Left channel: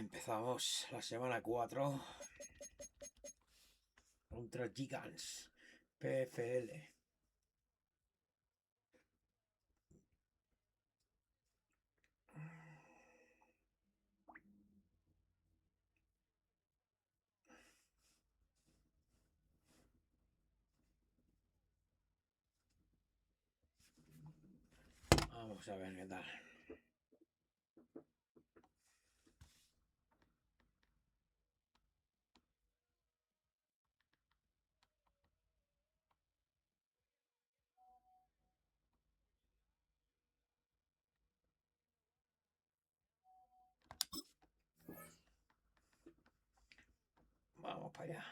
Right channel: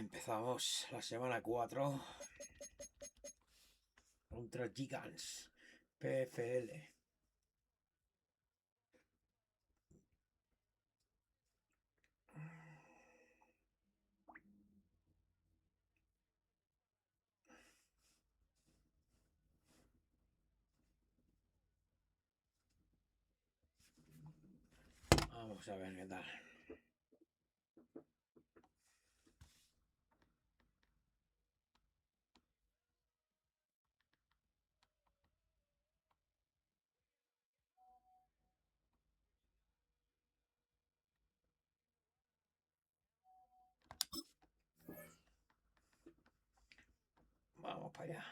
Empezamos la semana 4 contra Gigantes PFL. Vamos a ver qué tal. Vamos para allá.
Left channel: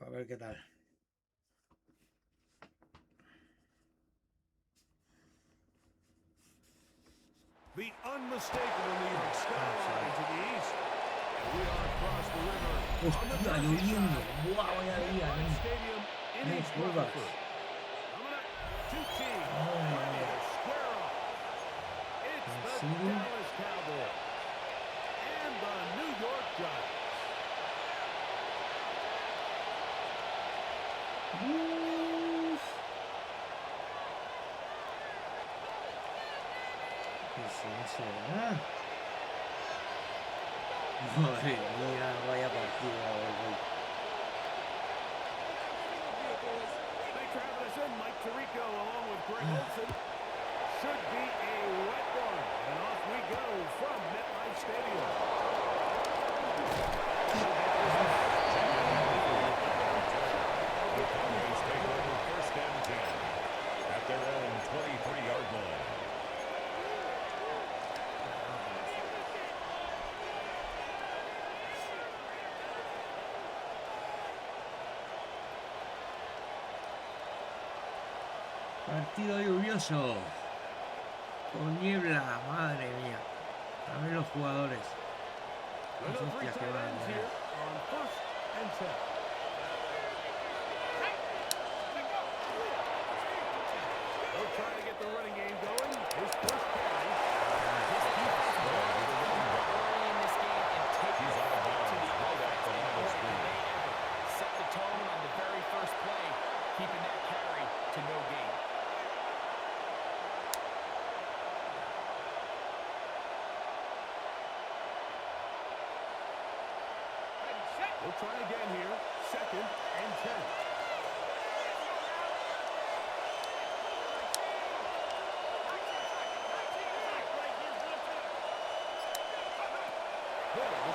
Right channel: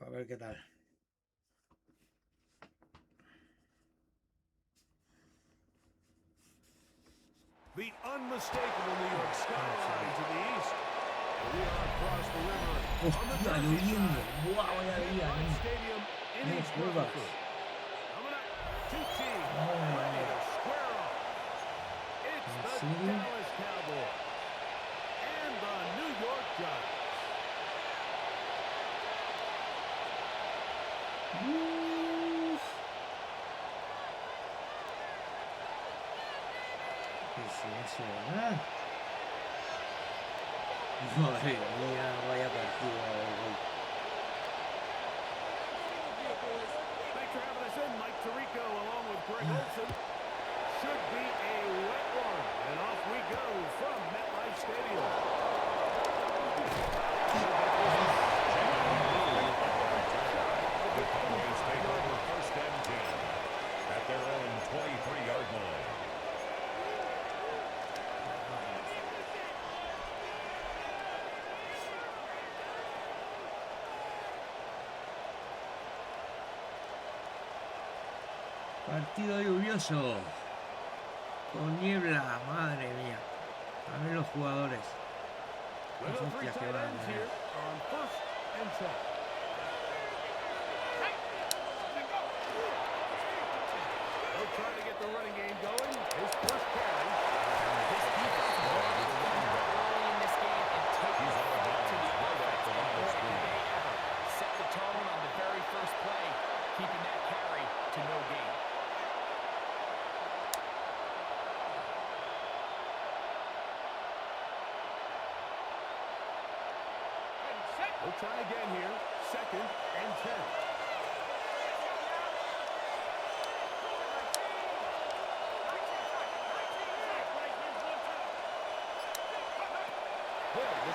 A ver qué tal. The unmistakable New York skyline to the east. And we are across the river on the Jersey side. MetLife Stadium in East Rutherford. Coming up, two teams ready to square off. It's the Dallas Cowboys and the New York Giants. Madre mía, vaya partido. Thanks for having us in, Mike Tirico, along with Greg Olson. Should be a wet one, and off we go from MetLife Stadium. The Cowboys take over first and 10 at their own 23-yard line. Partido lluvioso. Con niebla, madre mía. También los jugadores. Las hostias que van a tener. Trying to get the running game going. His first carry. His defense early in this game and take the ball to the offense. Boy, did they ever set the tone on the very first play, keeping that carry to no gain. We'll try again here. Second and 10.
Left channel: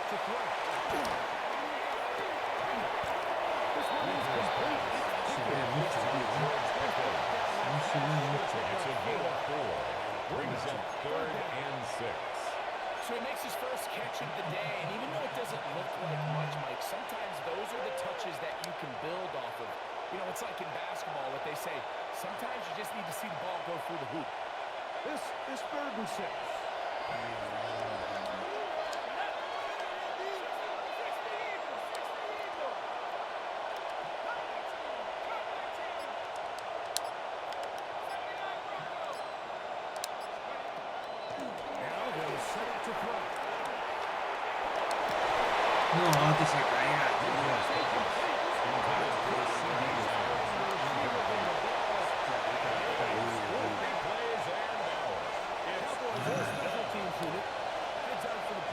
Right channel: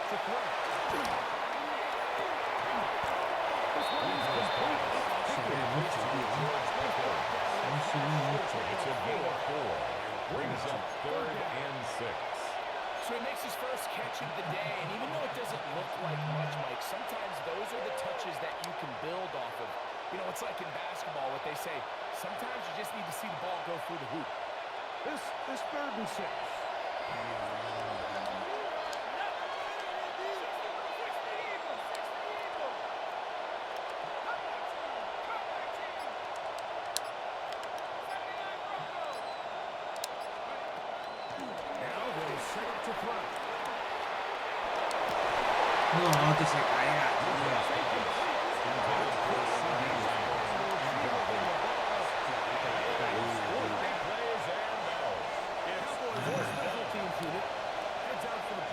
To throw. This one is complete. It's a gain of 4. Brings up 3rd and 6. So he makes his first catch of the day, and even though it doesn't look like much, Mike, sometimes those are the touches that you can build off of. You know, it's like in basketball, what they say, sometimes you just need to see the ball go through the hoop. This is 3rd and 6. No, que se caiga, Cowboys special teams unit heads out for the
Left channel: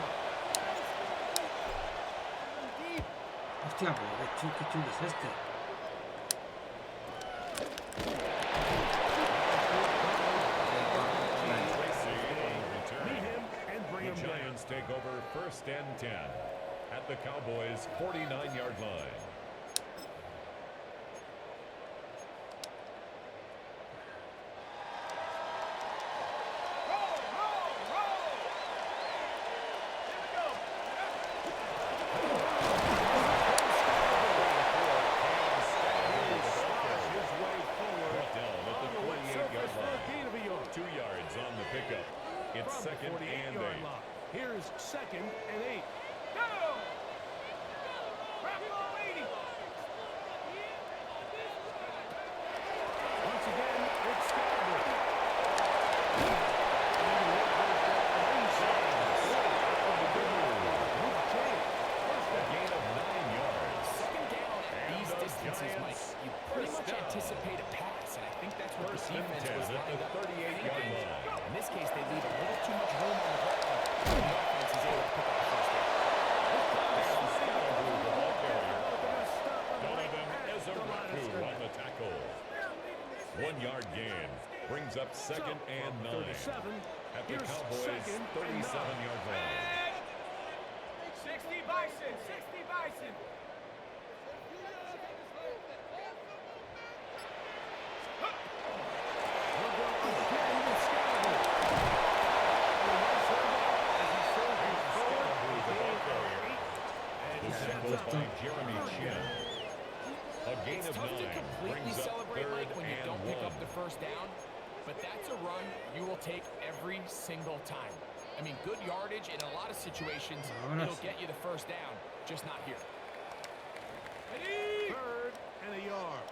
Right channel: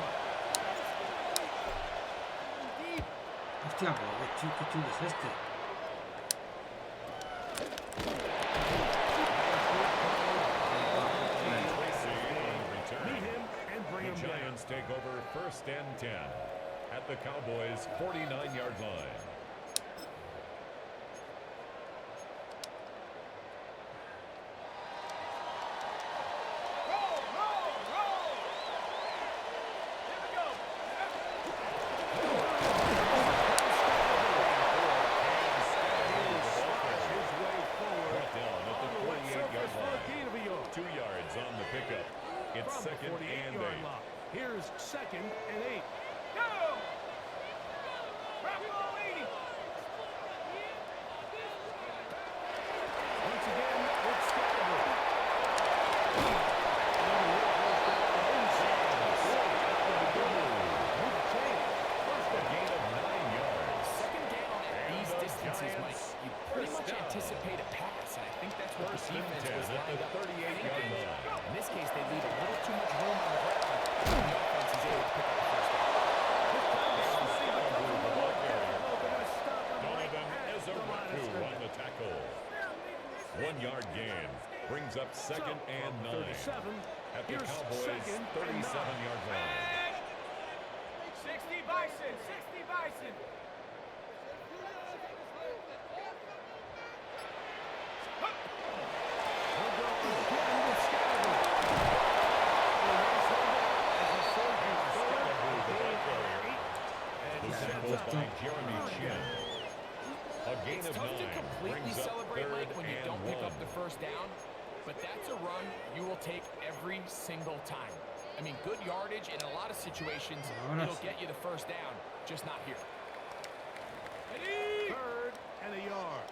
Hostia, pero qué chulo es este. The Giants take over 1st and 10 at the Cowboys' 49-yard line. It's 2nd and 8. Here's 2nd and 8. Go! Bravo 80. Once again, it's Scatterwood. A gain of 9 yards. 2nd down at these distances, Mike. You pretty much anticipate a pass, and I think that's what the defense was lined up. 38-yard line. In this case, they leave a little too much room on the ground, and the offense is able to pick up the first down. Scatterwood, the ball carrier. Donovan Ezeraku on the tackle. 1-yard gain brings up 2nd and 9 at the Cowboys' 37-yard line. 60 Bison, 60 Bison. By Jeremy Chin. A gain It's of tough 9 to completely brings up celebrate, 3rd Mike, when you and don't pick 1. up the first down, but that's a run you will take every single time. I mean, good yardage in a lot of situations, it'll get you the first down, just not here. 3rd and a yard.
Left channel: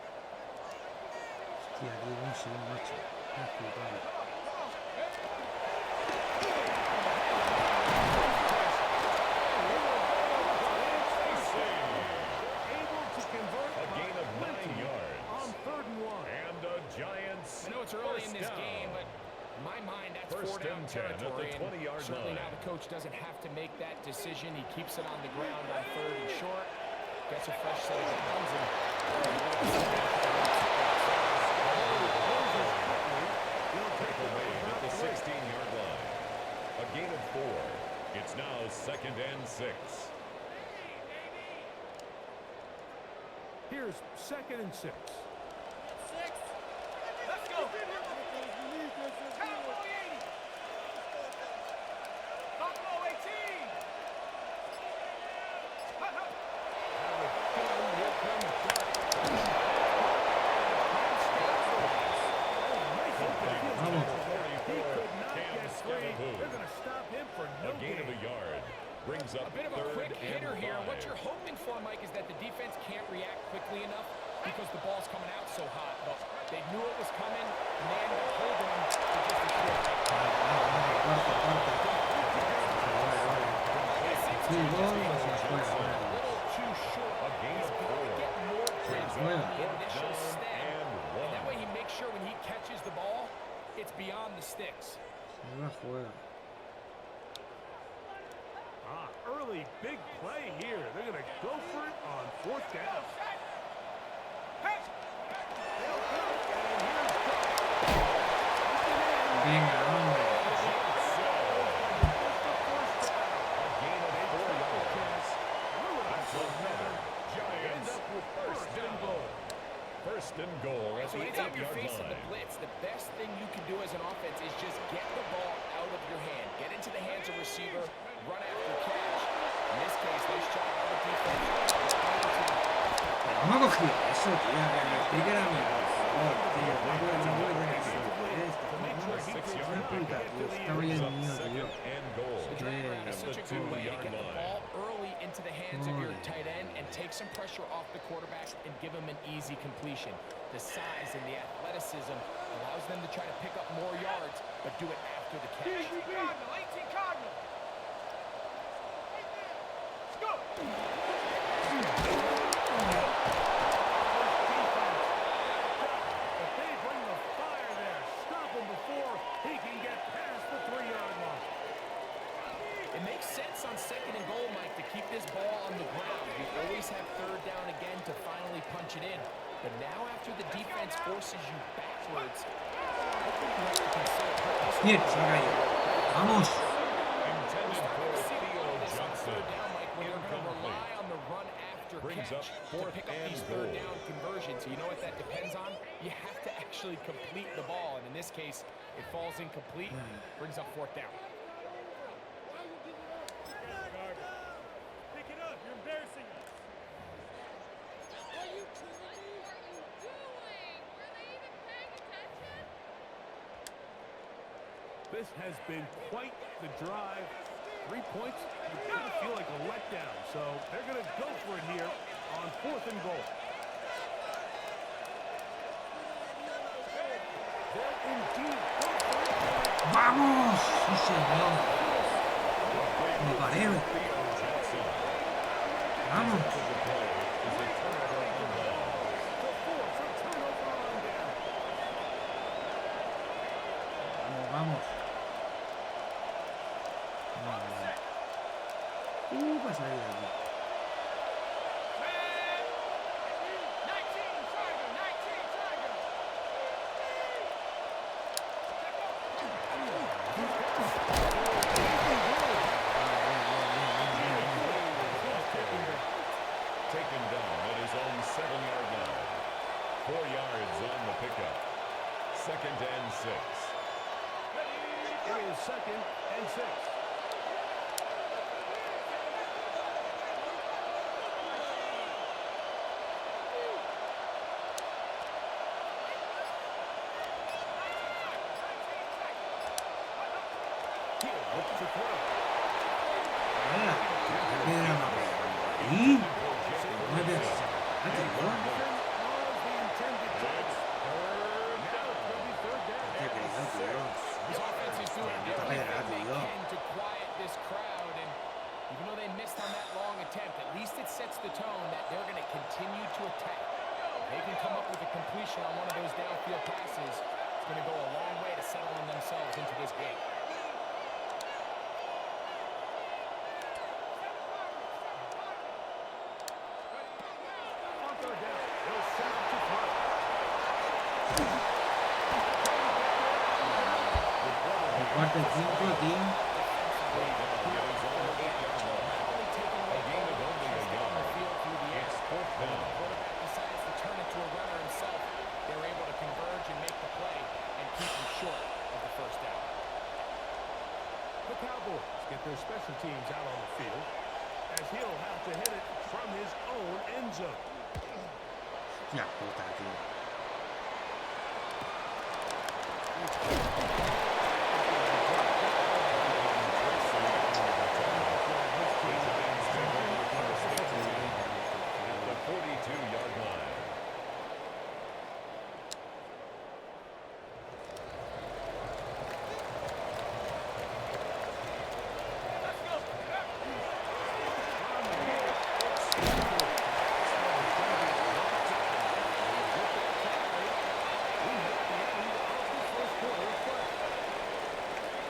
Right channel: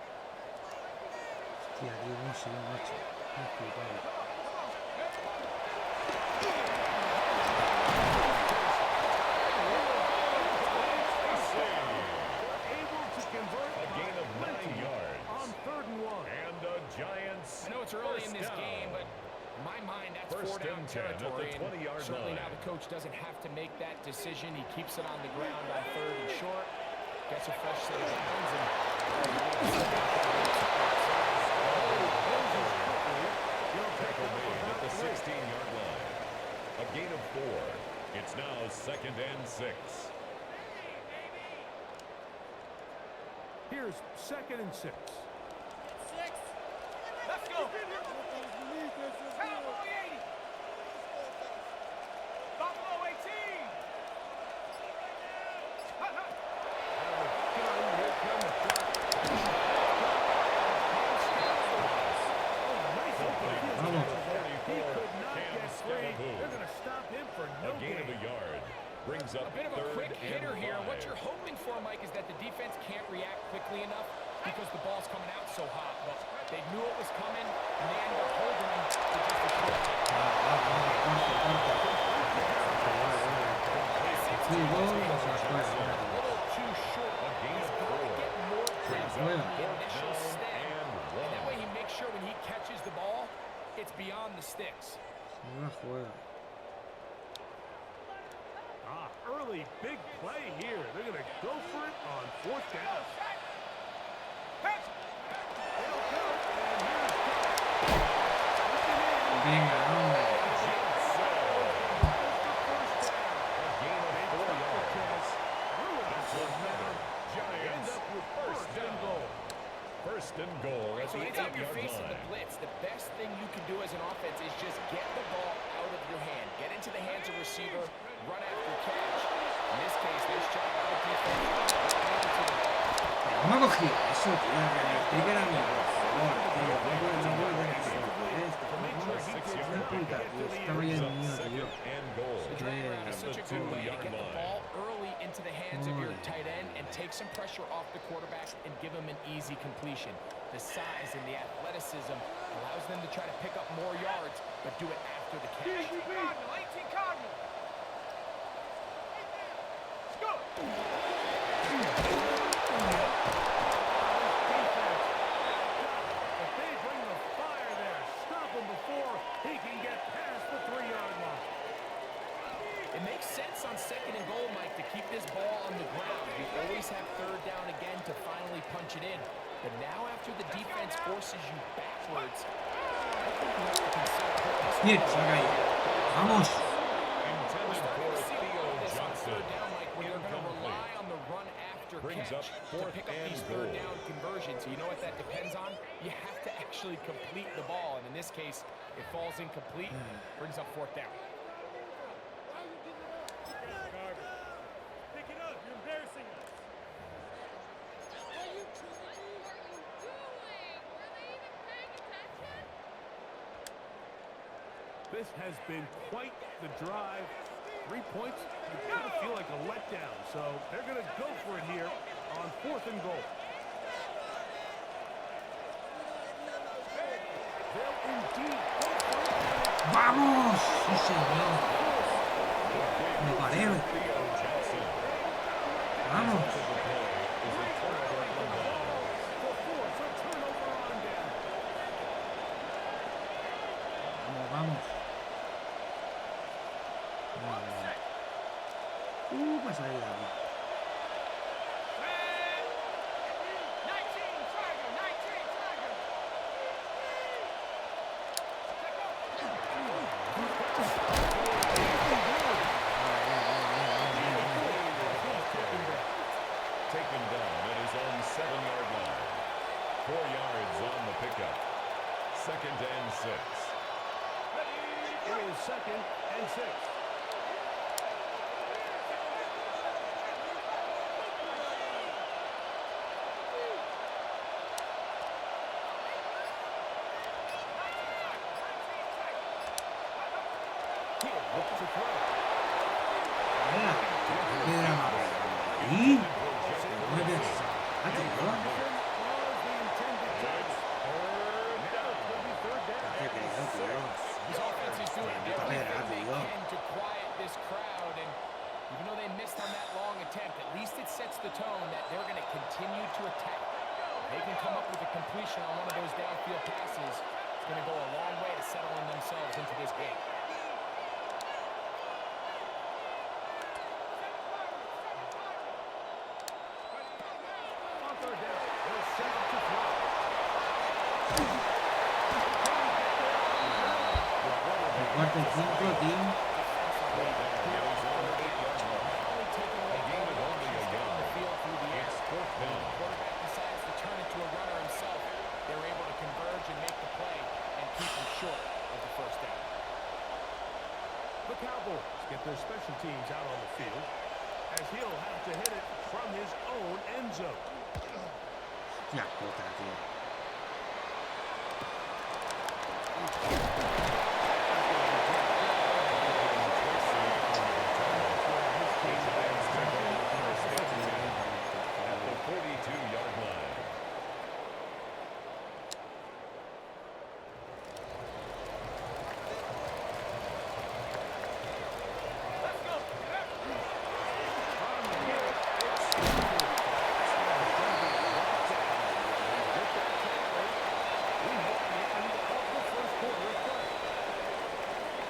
Hostia, Diego, un segundo, macho. Me he flipado. A gain of 9 yards. On 3rd and 1. And the Giants. I know it's early in this first game, down. but in my mind, that's First 4th down and 10 at the territory. 20-yard And certainly line. now the coach doesn't have to make that decision. He keeps it on the ground on 3rd and short. Gets a fresh set of downs and Tackle made at the 16-yard line. A gain of 4. It's now 2nd and 6. Here's 2nd and 6. let's go. Cowboy 80. Buffalo 18. Out of the gun, here comes the shark. Vamos. He could not Cam get free. Scatterwood. They're going to stop him for no A gain of a yard brings up A bit of a 3rd quick hitter and here. 5. What you're hoping for, Mike, is that the defense can't react quickly enough because the ball's coming out so hot. But they knew it was coming, and they ended up holding him to just a short game. Sí, gol, o sea, A fuera. little too short. A gain He's of got to 4. get more grip Juega. on the initial Fourth stem. down and And that 1. way he makes sure when he catches the ball, it's beyond the sticks. No la juega. Early big play here. They're going to go for it on 4th down. They'll go, and here's Cook. Venga, hombre. A gain of 4 yards. That's another Giants first down. 1st and goal at So the anytime you're 8-yard facing the line. blitz, the best thing you can do as an offense is just get the ball out of your hand. Get into the hands of receiver, run after catch. In this case, nice job by the defense. Pero no me ha cogido eso, tío. Que me explique a mí, por favor, tío. No puede ver eso. Una puta, tío. Estaba ya el mío, tío. And goal. The drag route is such a good way to 2-yard get the line. ball early into the hands of your tight end and take some pressure off the quarterback and give him an easy completion. The size and the athleticism allows them to try to pick up more yards, but do it after the catch. 18 Cardinal, 18 Cardinal. Let's go. But they bring the fire there. Stop him before he can get past the 3-yard line. It It makes sense on 2nd and goal, Mike, to keep this ball on the ground. You always have 3rd down again to finally punch it in. But now after the defense forces you backwards, I think you have to consider Bien, se ha caído. Vamos. we're starting to see a lot of this on 3rd down, Mike, when they're going to rely on the run after Brings up catch to 4th pick up and these goal. 3rd down conversions. You know what that depends on? You have to actually complete the ball, and in this case, it falls incomplete, brings up 4th down. Pick it up. You're embarrassing us. This has been quite the drive. 3 points, you kind of feel like a letdown. So they're going to go for it here on 4th and goal. They'll indeed go for it. Vamos. Sí, señor. Me paré. Vamos. To force a turnover on down. Vamos. Para salir de aquí. Taken down at his own 7-yard line. 4 yards on the pickup. 2nd and 6. It is 2nd and 6. Looks to throw. Venga. ¿Qué piedra más? ¿Y? ¿Cómo me piensas? ¿Ah, tío? ¿Qué creo, tío? His offense is doing Puta pedra, everything they tío. can to quiet this crowd, and even though they missed on that long attempt, at least it sets the tone that they're going to continue to attack. If they can come up with a completion on one of those downfield passes, it's going to go a long way to settling themselves into this game. On 3rd down, they'll set up to throw. El 4 y 5, team. Quarterback decides to turn into a runner himself. They're able to converge and make the play and keep him short of the 1st down. The Cowboys get their special teams out on the field as he'll have to hit it from his own end zone. Ya, puta, tío. At the 42-yard line.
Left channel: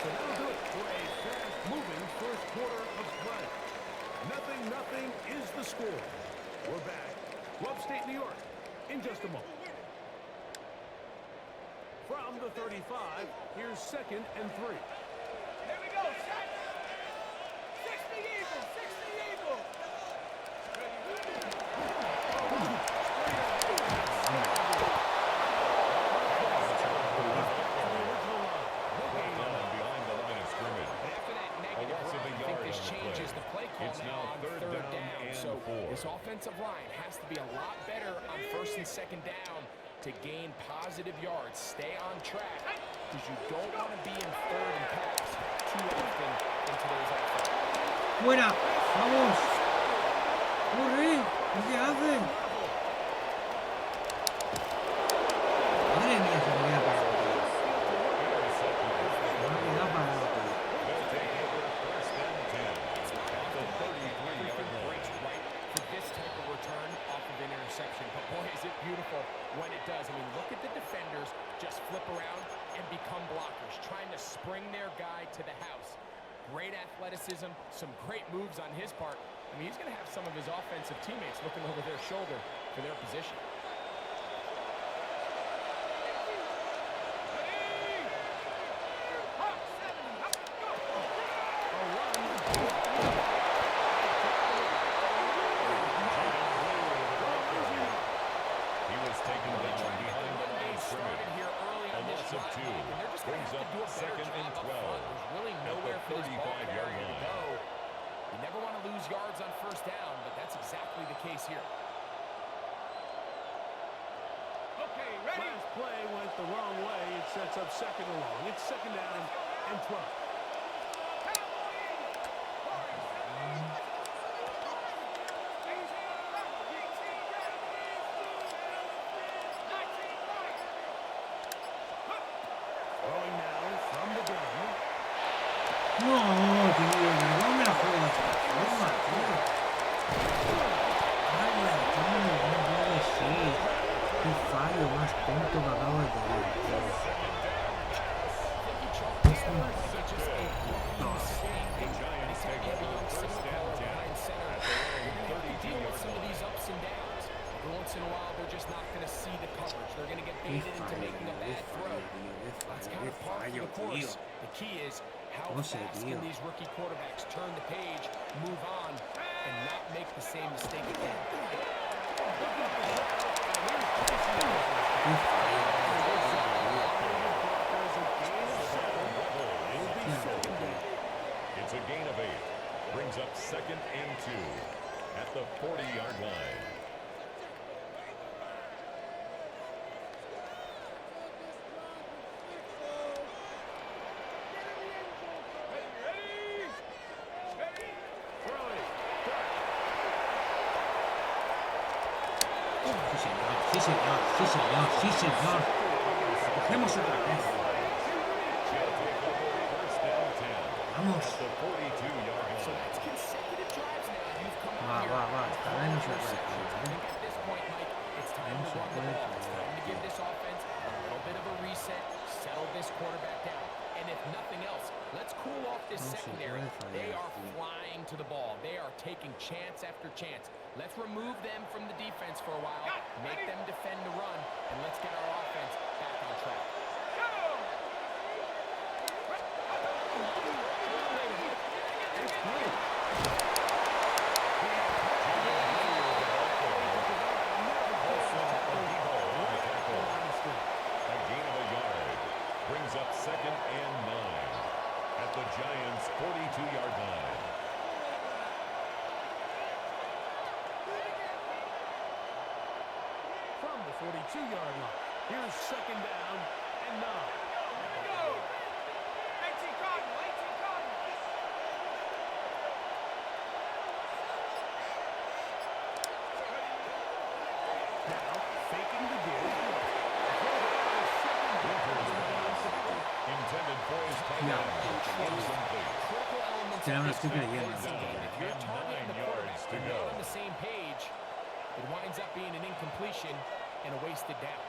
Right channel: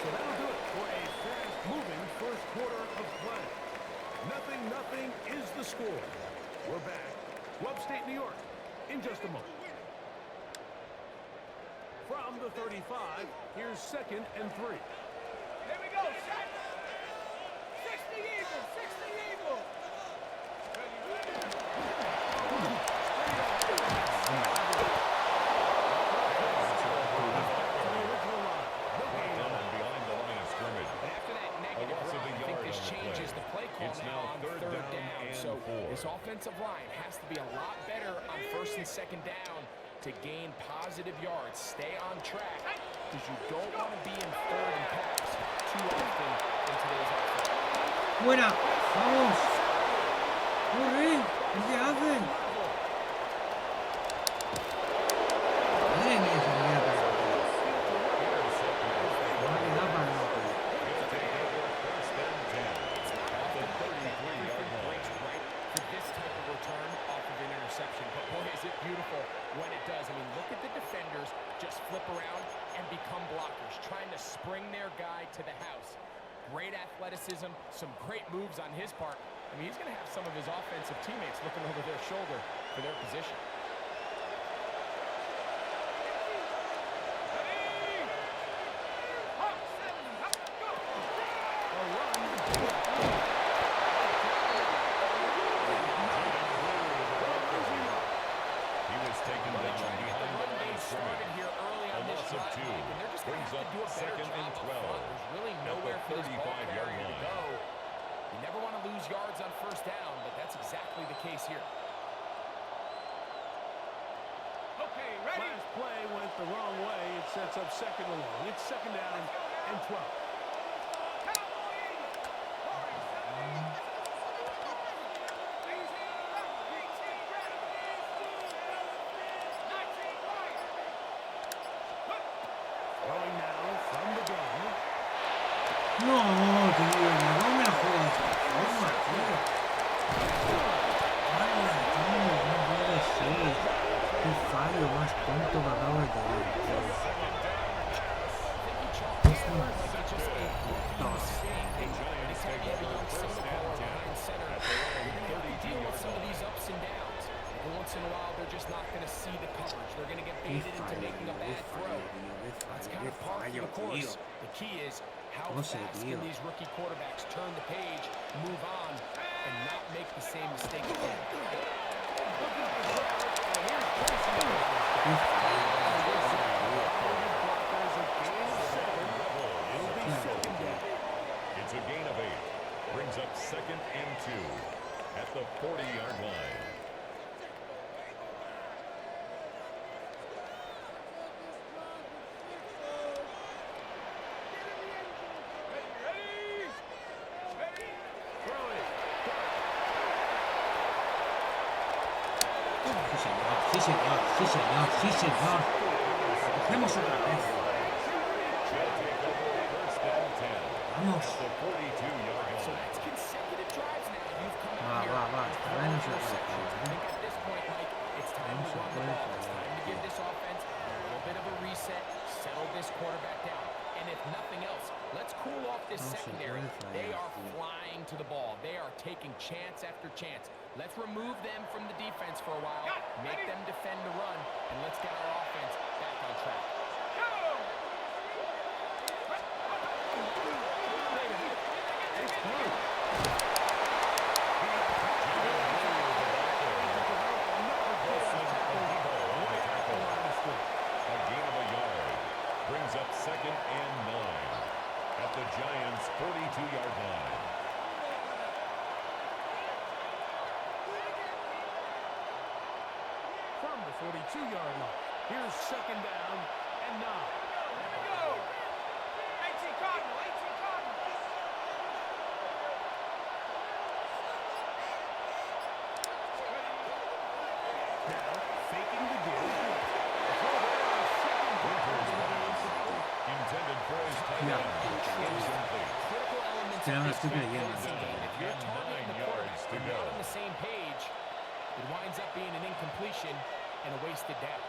So that'll do it for a fast-moving 1st quarter of play. 0-0 is the score. We're back to upstate New York in just a moment. From the 35, here's 2nd and 3. There we go, set. 60 Eagle, 60 Eagle. Behind the line of scrimmage. After that A negative loss of run, a I yard think this on the changes play. the play call It's now now on 3rd 3rd down down. and So 4. this offensive line has to be a lot better on 1st and 2nd down to gain positive yards. Stay on track because you don't want to be in 3rd and pass too often in today's offense. ¡Fuera! ¡Vamos! ¡Corre! ¿Qué hace? Madre mía, se me queda parado, tío. Se me ha quedado parado, tío. They'll take over 1st and 10. It's not At the often like that 33-yard everything line. breaks right for this type of return off of an interception. But boy, is it beautiful when it does. I mean, look at the defenders just flip around and become blockers, trying to spring their guy to the house. great athleticism, some great moves on his part. I mean, he's going to have some of his offensive teammates looking over their shoulder for their position. Taken down behind the line of scrimmage. A loss of 2 brings up 2nd and 12. There's really nowhere for this ball carrier to go. You never want to lose yards on first down, but that's exactly the case here. Okay, ready? Last play went the wrong way. It sets up 2nd and long. It's 2nd down and 12. No, tío, no me la juego de esta forma, tío. ¡Hala, tío! No puede ser. Qué fallo más tonto que acabo de tener, tío. Every once in a while, they're just not going to see the coverage. They're going to get baited into making a bad throw. That's kind of par for the course. The key is how fast can these rookie quarterbacks turn the page, move on, and not make the same mistake again. It's a gain of 8. Brings up 2nd and 2 at the 40-yard line. Sí, señor, sí, señor, sí, señor. La cogemos otra vez. Vamos. Va. Esta vez no se puede fallar, ¿eh? No se puede fallar. And if nothing else, let's cool off this secondary. They are flying to the ball. They are taking chance after chance. Let's remove them from the defense for a while, make them defend the run, and let's get our offense back on track. A gain of a yard brings up 2nd and 9 at the Giants' 42-yard line. From the 42-yard line, here's 2nd down and 9. Here we go. 18 Cardinal, 18 Cardinal. Now, faking the give. Intended for his tight end. Critical elements Ya of me this estoy creyendo. passing game. If you're targeting the 9 yards quarterback to and go. not on the same page, it winds up being an incompletion and a wasted down.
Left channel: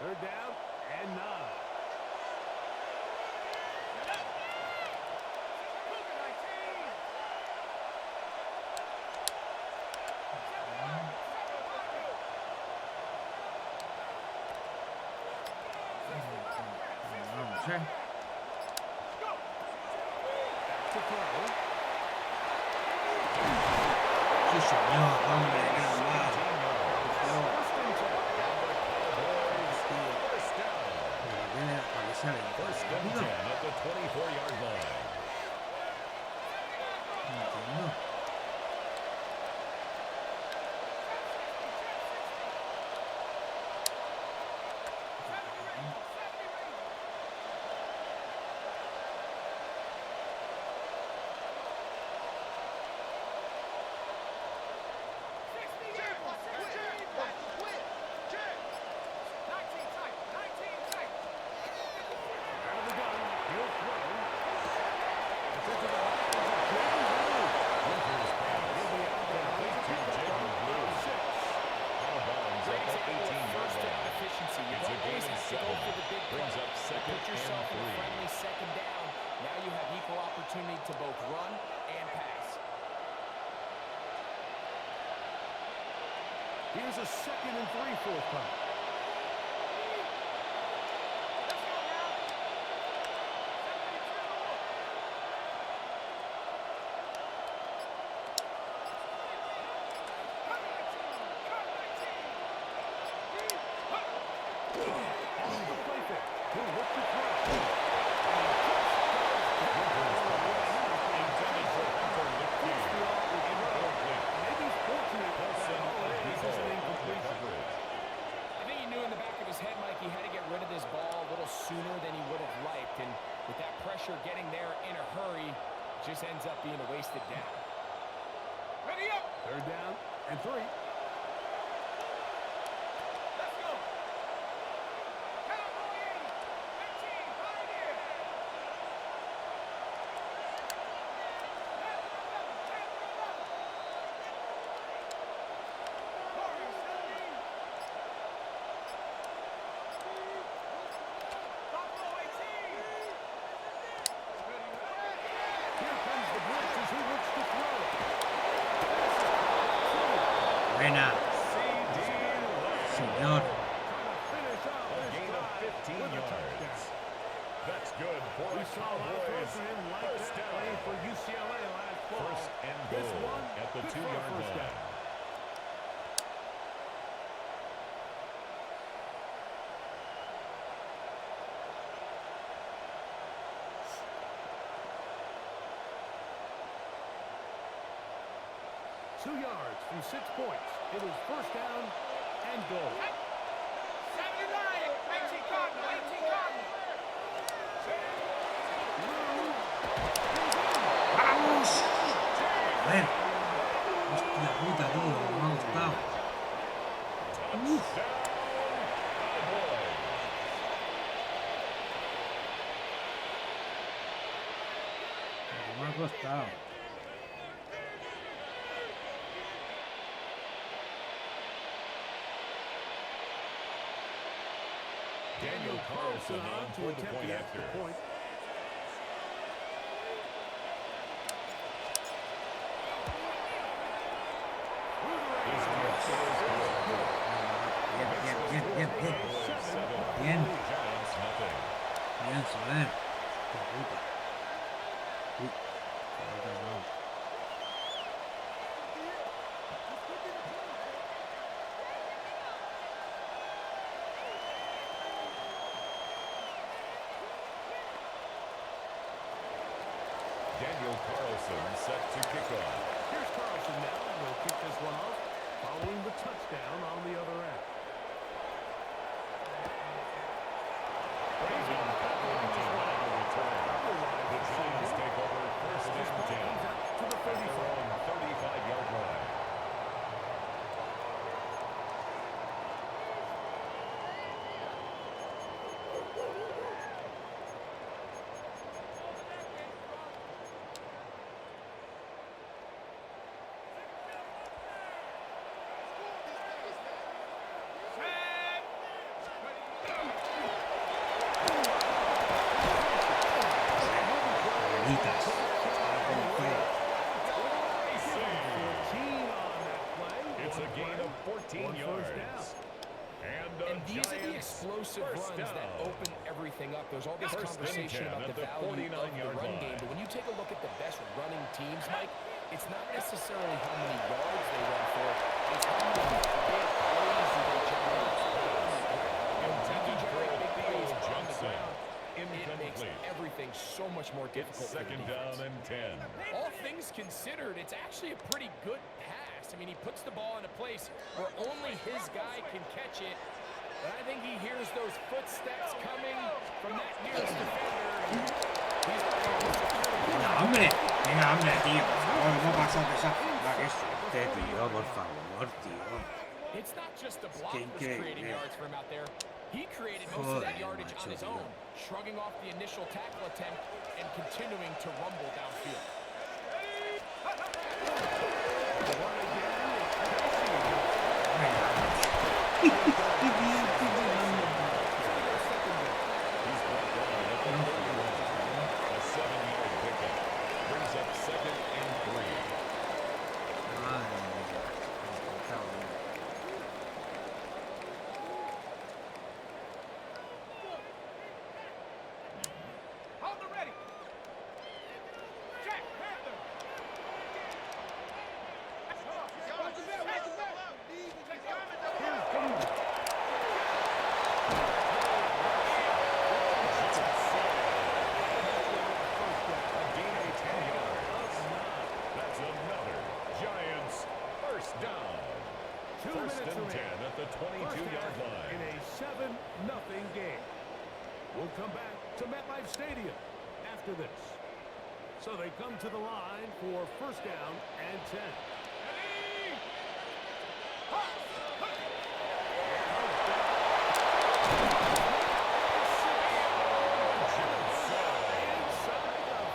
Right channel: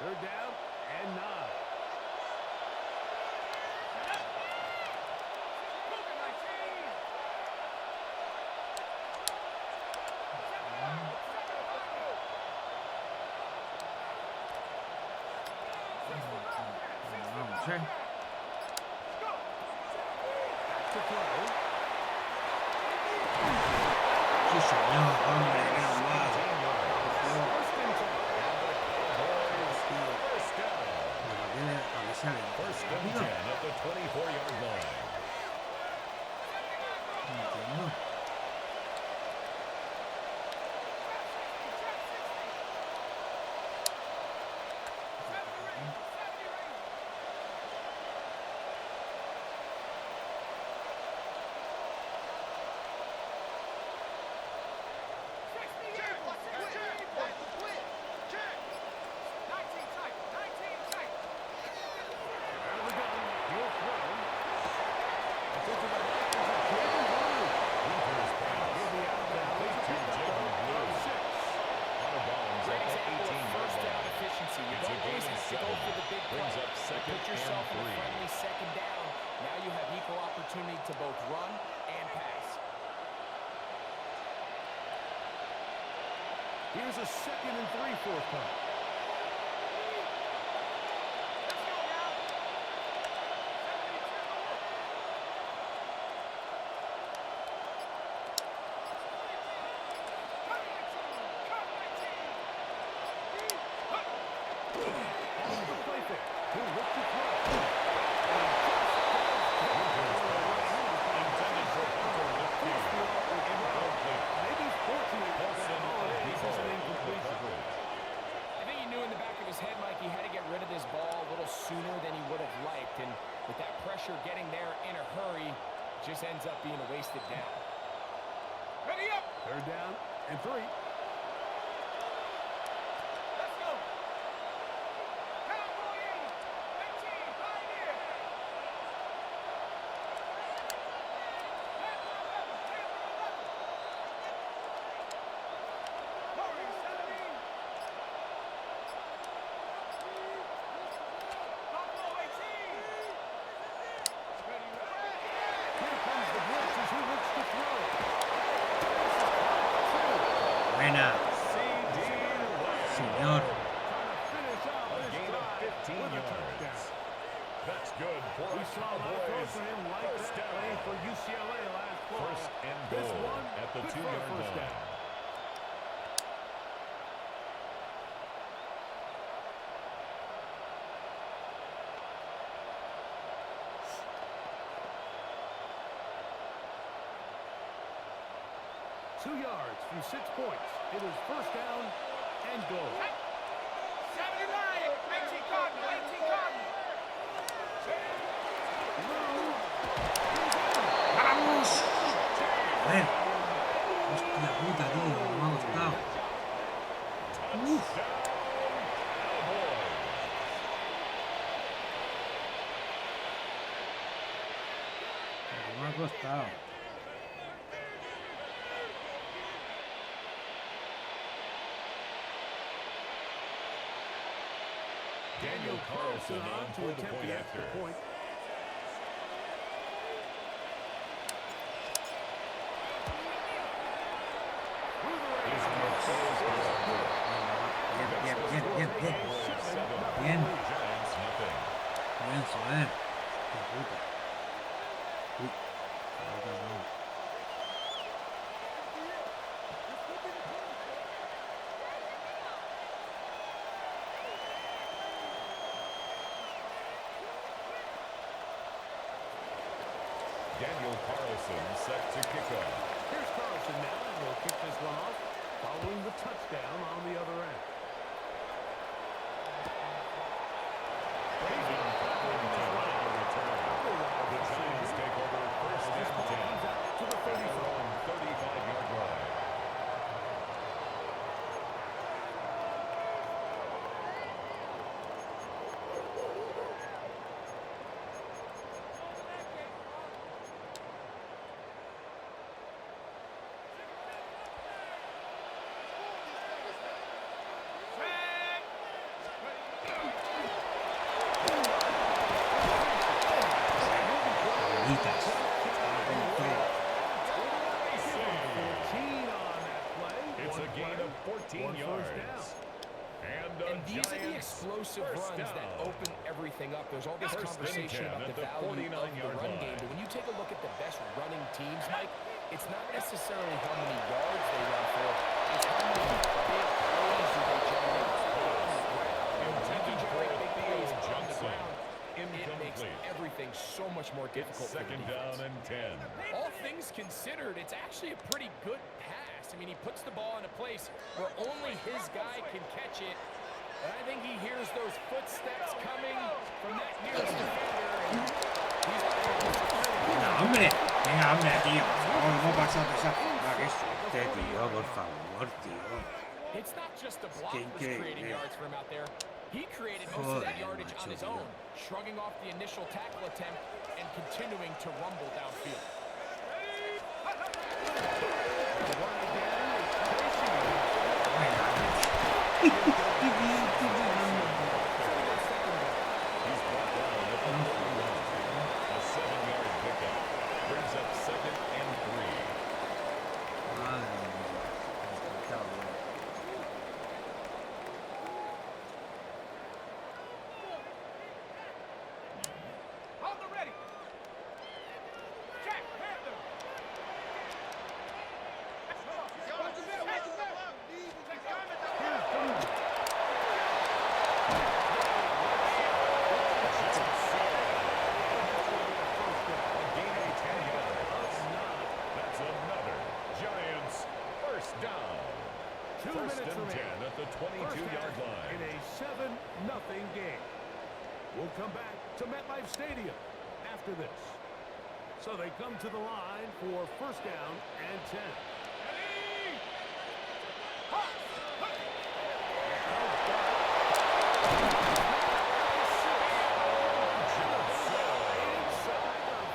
Third down and 9. Vamos, ¿eh? Sí, señor, hombre, menos mal. ¿A qué sale? First and 10 at the 24-yard line. No entiendo. Here's a 2nd and 3 forthcoming. Let's go now. 72 to the look. On the play fake. He'll look to throw. Intended for Hunter Lipke. Incomplete. Maybe fortunate that all it is an incompletion. I think he knew in the back of his head, Mike, he had to get rid of this ball a little sooner than he would have liked. And with that pressure getting there in a hurry, it just ends up being a wasted down. Ready up. 3rd down and 3. Let's go. Cowboy 80. 18. Pioneer. Tampa 11. Tampa 11. Warriors 17. Buffalo 18. Ready, ready. Here comes the blitz as he looks to throw. Buena. Señor. Trying to finish out A this gain of drive 15 with a yards. touchdown. That's good for We the saw a lot of throws Cowboys. from him like First that play down. for UCLA last fall. First and This goal one at the good for a 2-yard first line. down. Two yards from 6 points. It is first down and goal. 79. 18 Cardinal. 18 Cardinal. ¡Vamos! A ver. Hostia puta, tío. Me ha costado. Touchdown, Cowboys. Me ha costado. Daniel Carlson on to for the attempt point the after. extra point. Bien, bien, bien, bien, bien. Bien. Giants nothing. Bien, joder. Qué puta. Uy. Ahora no. Daniel Carlson set to kick off. Here's Carlson now, and he'll kick this one off, following the touchdown on the other end. Brandon Cutler to line a return. The Giants take over first This and ball 10 comes out to the at their 35. own 35-yard line. Bonitas. Con todo. 14 on that play. It's One a gain play, of 14 one first down. yards. And the And these are the Giants explosive first runs that down. open everything up. There's all this First and conversation 10 about at the the value of the 49-yard run line. game. But when you take a look at the best running teams, Mike, it's not necessarily how many yards they run for. It's how many big plays do they generate on the ground. When you can generate big plays on the ground, it makes Incomplete. everything so much more difficult for the Second defense. down and 10. All things considered, it's actually a pretty good pass. I mean, he puts the ball in a place where only his guy can catch it. But I think he hears those footsteps coming from that nearest defender. And he's got to secure it. Venga, hombre. Venga, hombre, tío. Por favor, hemos pasado de esa forma. Qué suerte, tío. Por favor, tío. It's not just the block Qué was creating increíble. yards for him out there. He created most of that Joder, yardage on macho, his tío. own, shrugging off the initial tackle attempt and continuing to rumble downfield. The run again is Casey. Venga, hombre. Qué bien, qué bien. He's brought down at the 31. A 7-yard pickup. Brings up second and 3. Madre mía. Me ha encantado, tío. First and 10 at the 22-yard line. In a 7-0 game. We'll come back to MetLife Stadium after this. So they come to the line for first down and 10. Inside the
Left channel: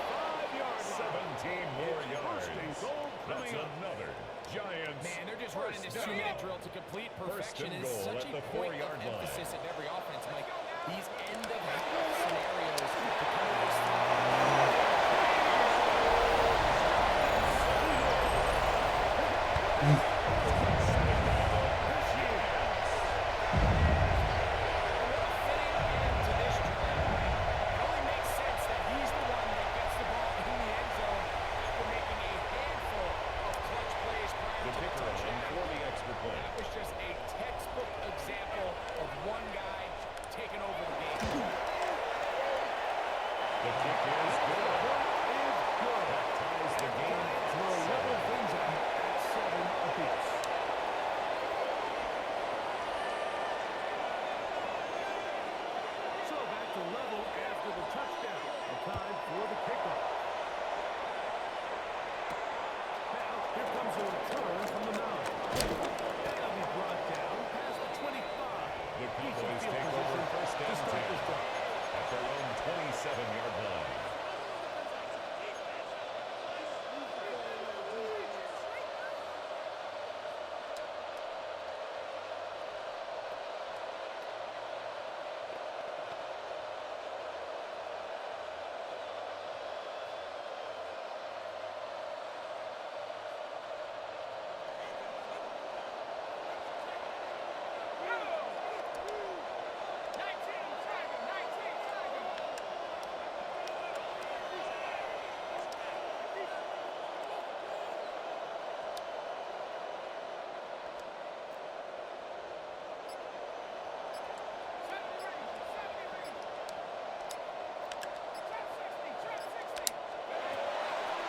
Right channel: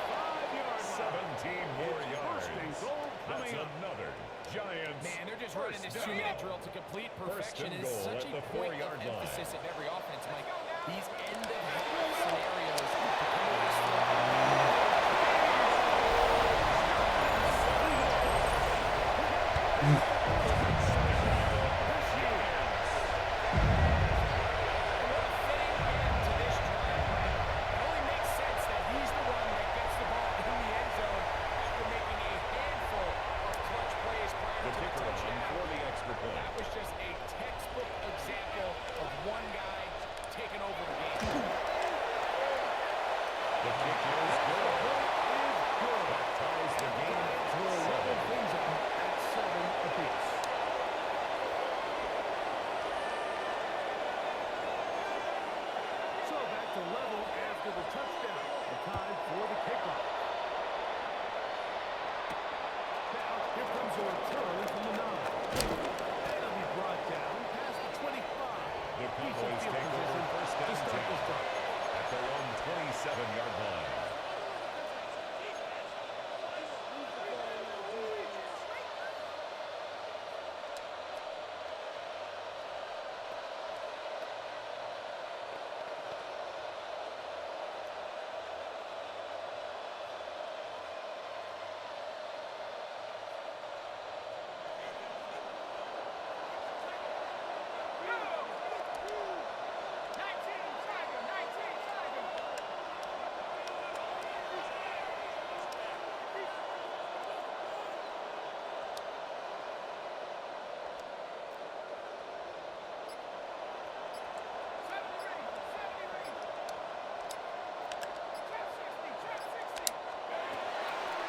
5-yard line. 17 more yards. First and goal That's coming up. another Giants. Man, they're just running this 2-minute drill to complete perfection. and It is goal such at a the point 4-yard of line. emphasis of every offense, Mike. These end-of-half scenarios to come away strong. The kicker on for the extra point. That was just a textbook example of one guy taking over the game. The kick is good. That ties the game at We'll level 7. things out at 7 apiece. So back to level after the touchdown. The time for the kickoff. Now, here comes a return from the 9. They'll be brought down past the 25. The Decent Cowboys field take over position first to and start 10 this drive. at their own 27-yard line.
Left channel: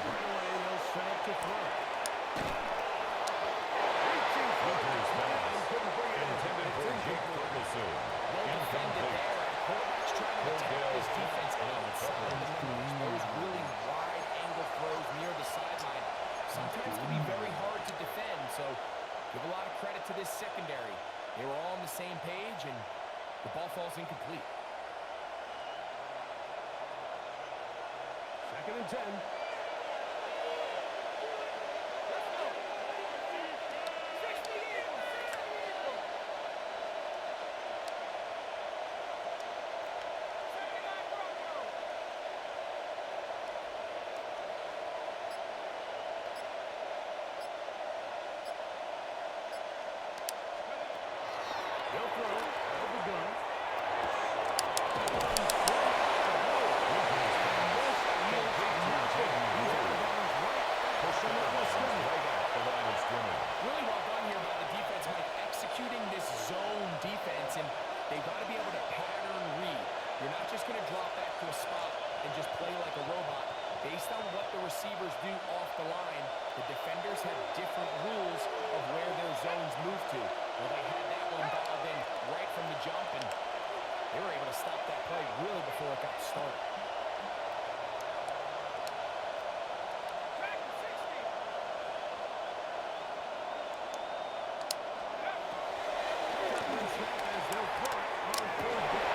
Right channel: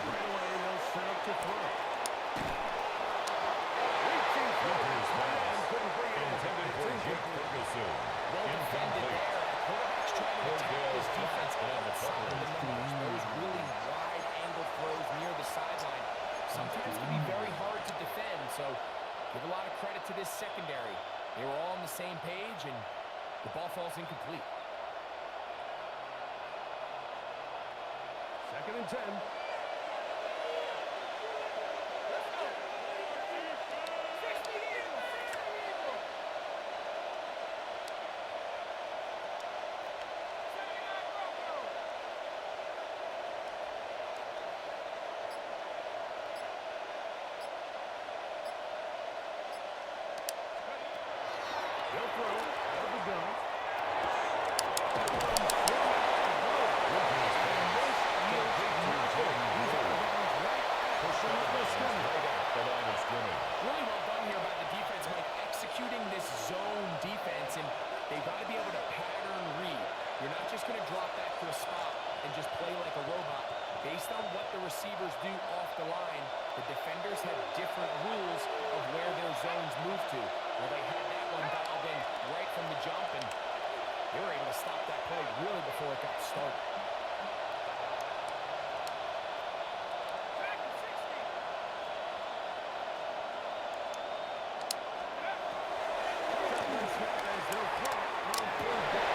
Right away, they'll set up to throw. Reaching for Winters the pass. couldn't bring it in. Intended for Jake Ferguson. Well defended Incomplete. there. The quarterback's trying to attack Cordell this defense on the outside of the coverage. numbers. Those really wide angle throws near the sideline sometimes can be very hard to defend. So give a lot of credit to this secondary. They were all on the same page, and the ball falls incomplete. Second and 10. They'll throw out of the gun. That one's thrown out the road. And this yields nothing. He's out of bounds right at the line of scrimmage. Right at the line of scrimmage. Really well done here by the defense, Mike, executing this zone defense, and they've got to be able to pattern read. You're not just going to drop back to a spot and just play like a robot. Based on what the receivers do off the line, the defenders have different rules of where their zones move to. Well, they had that one dialed in right from the jump, and they were able to stop that play really before it got started. Shotgun snap as they'll throw it on third down.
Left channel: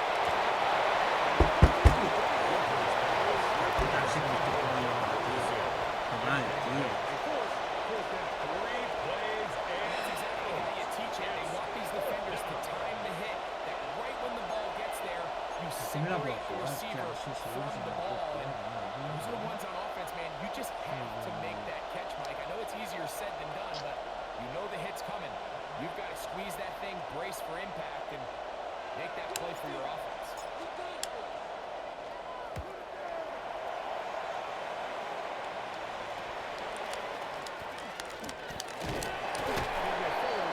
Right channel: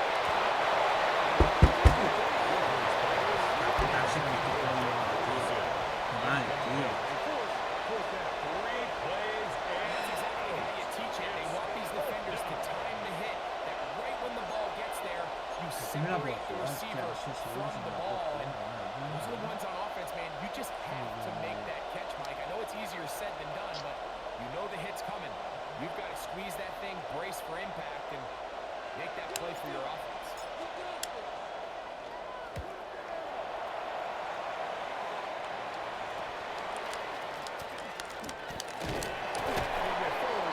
Madre, tío. They force fourth down. 3 plays And and that's exactly how you teach it. They want these defenders to time the hit, that right when the ball gets there, you me la puedo separate the jugar, receiver claro, sí, sí, from sí, the me la puedo ball. And jugar, those are the ones on offense, man. You just have to make that catch, Mike. I know it's easier said than done, but you know the hit's coming. You've got to squeeze that thing, brace for impact, and make that play for your offense.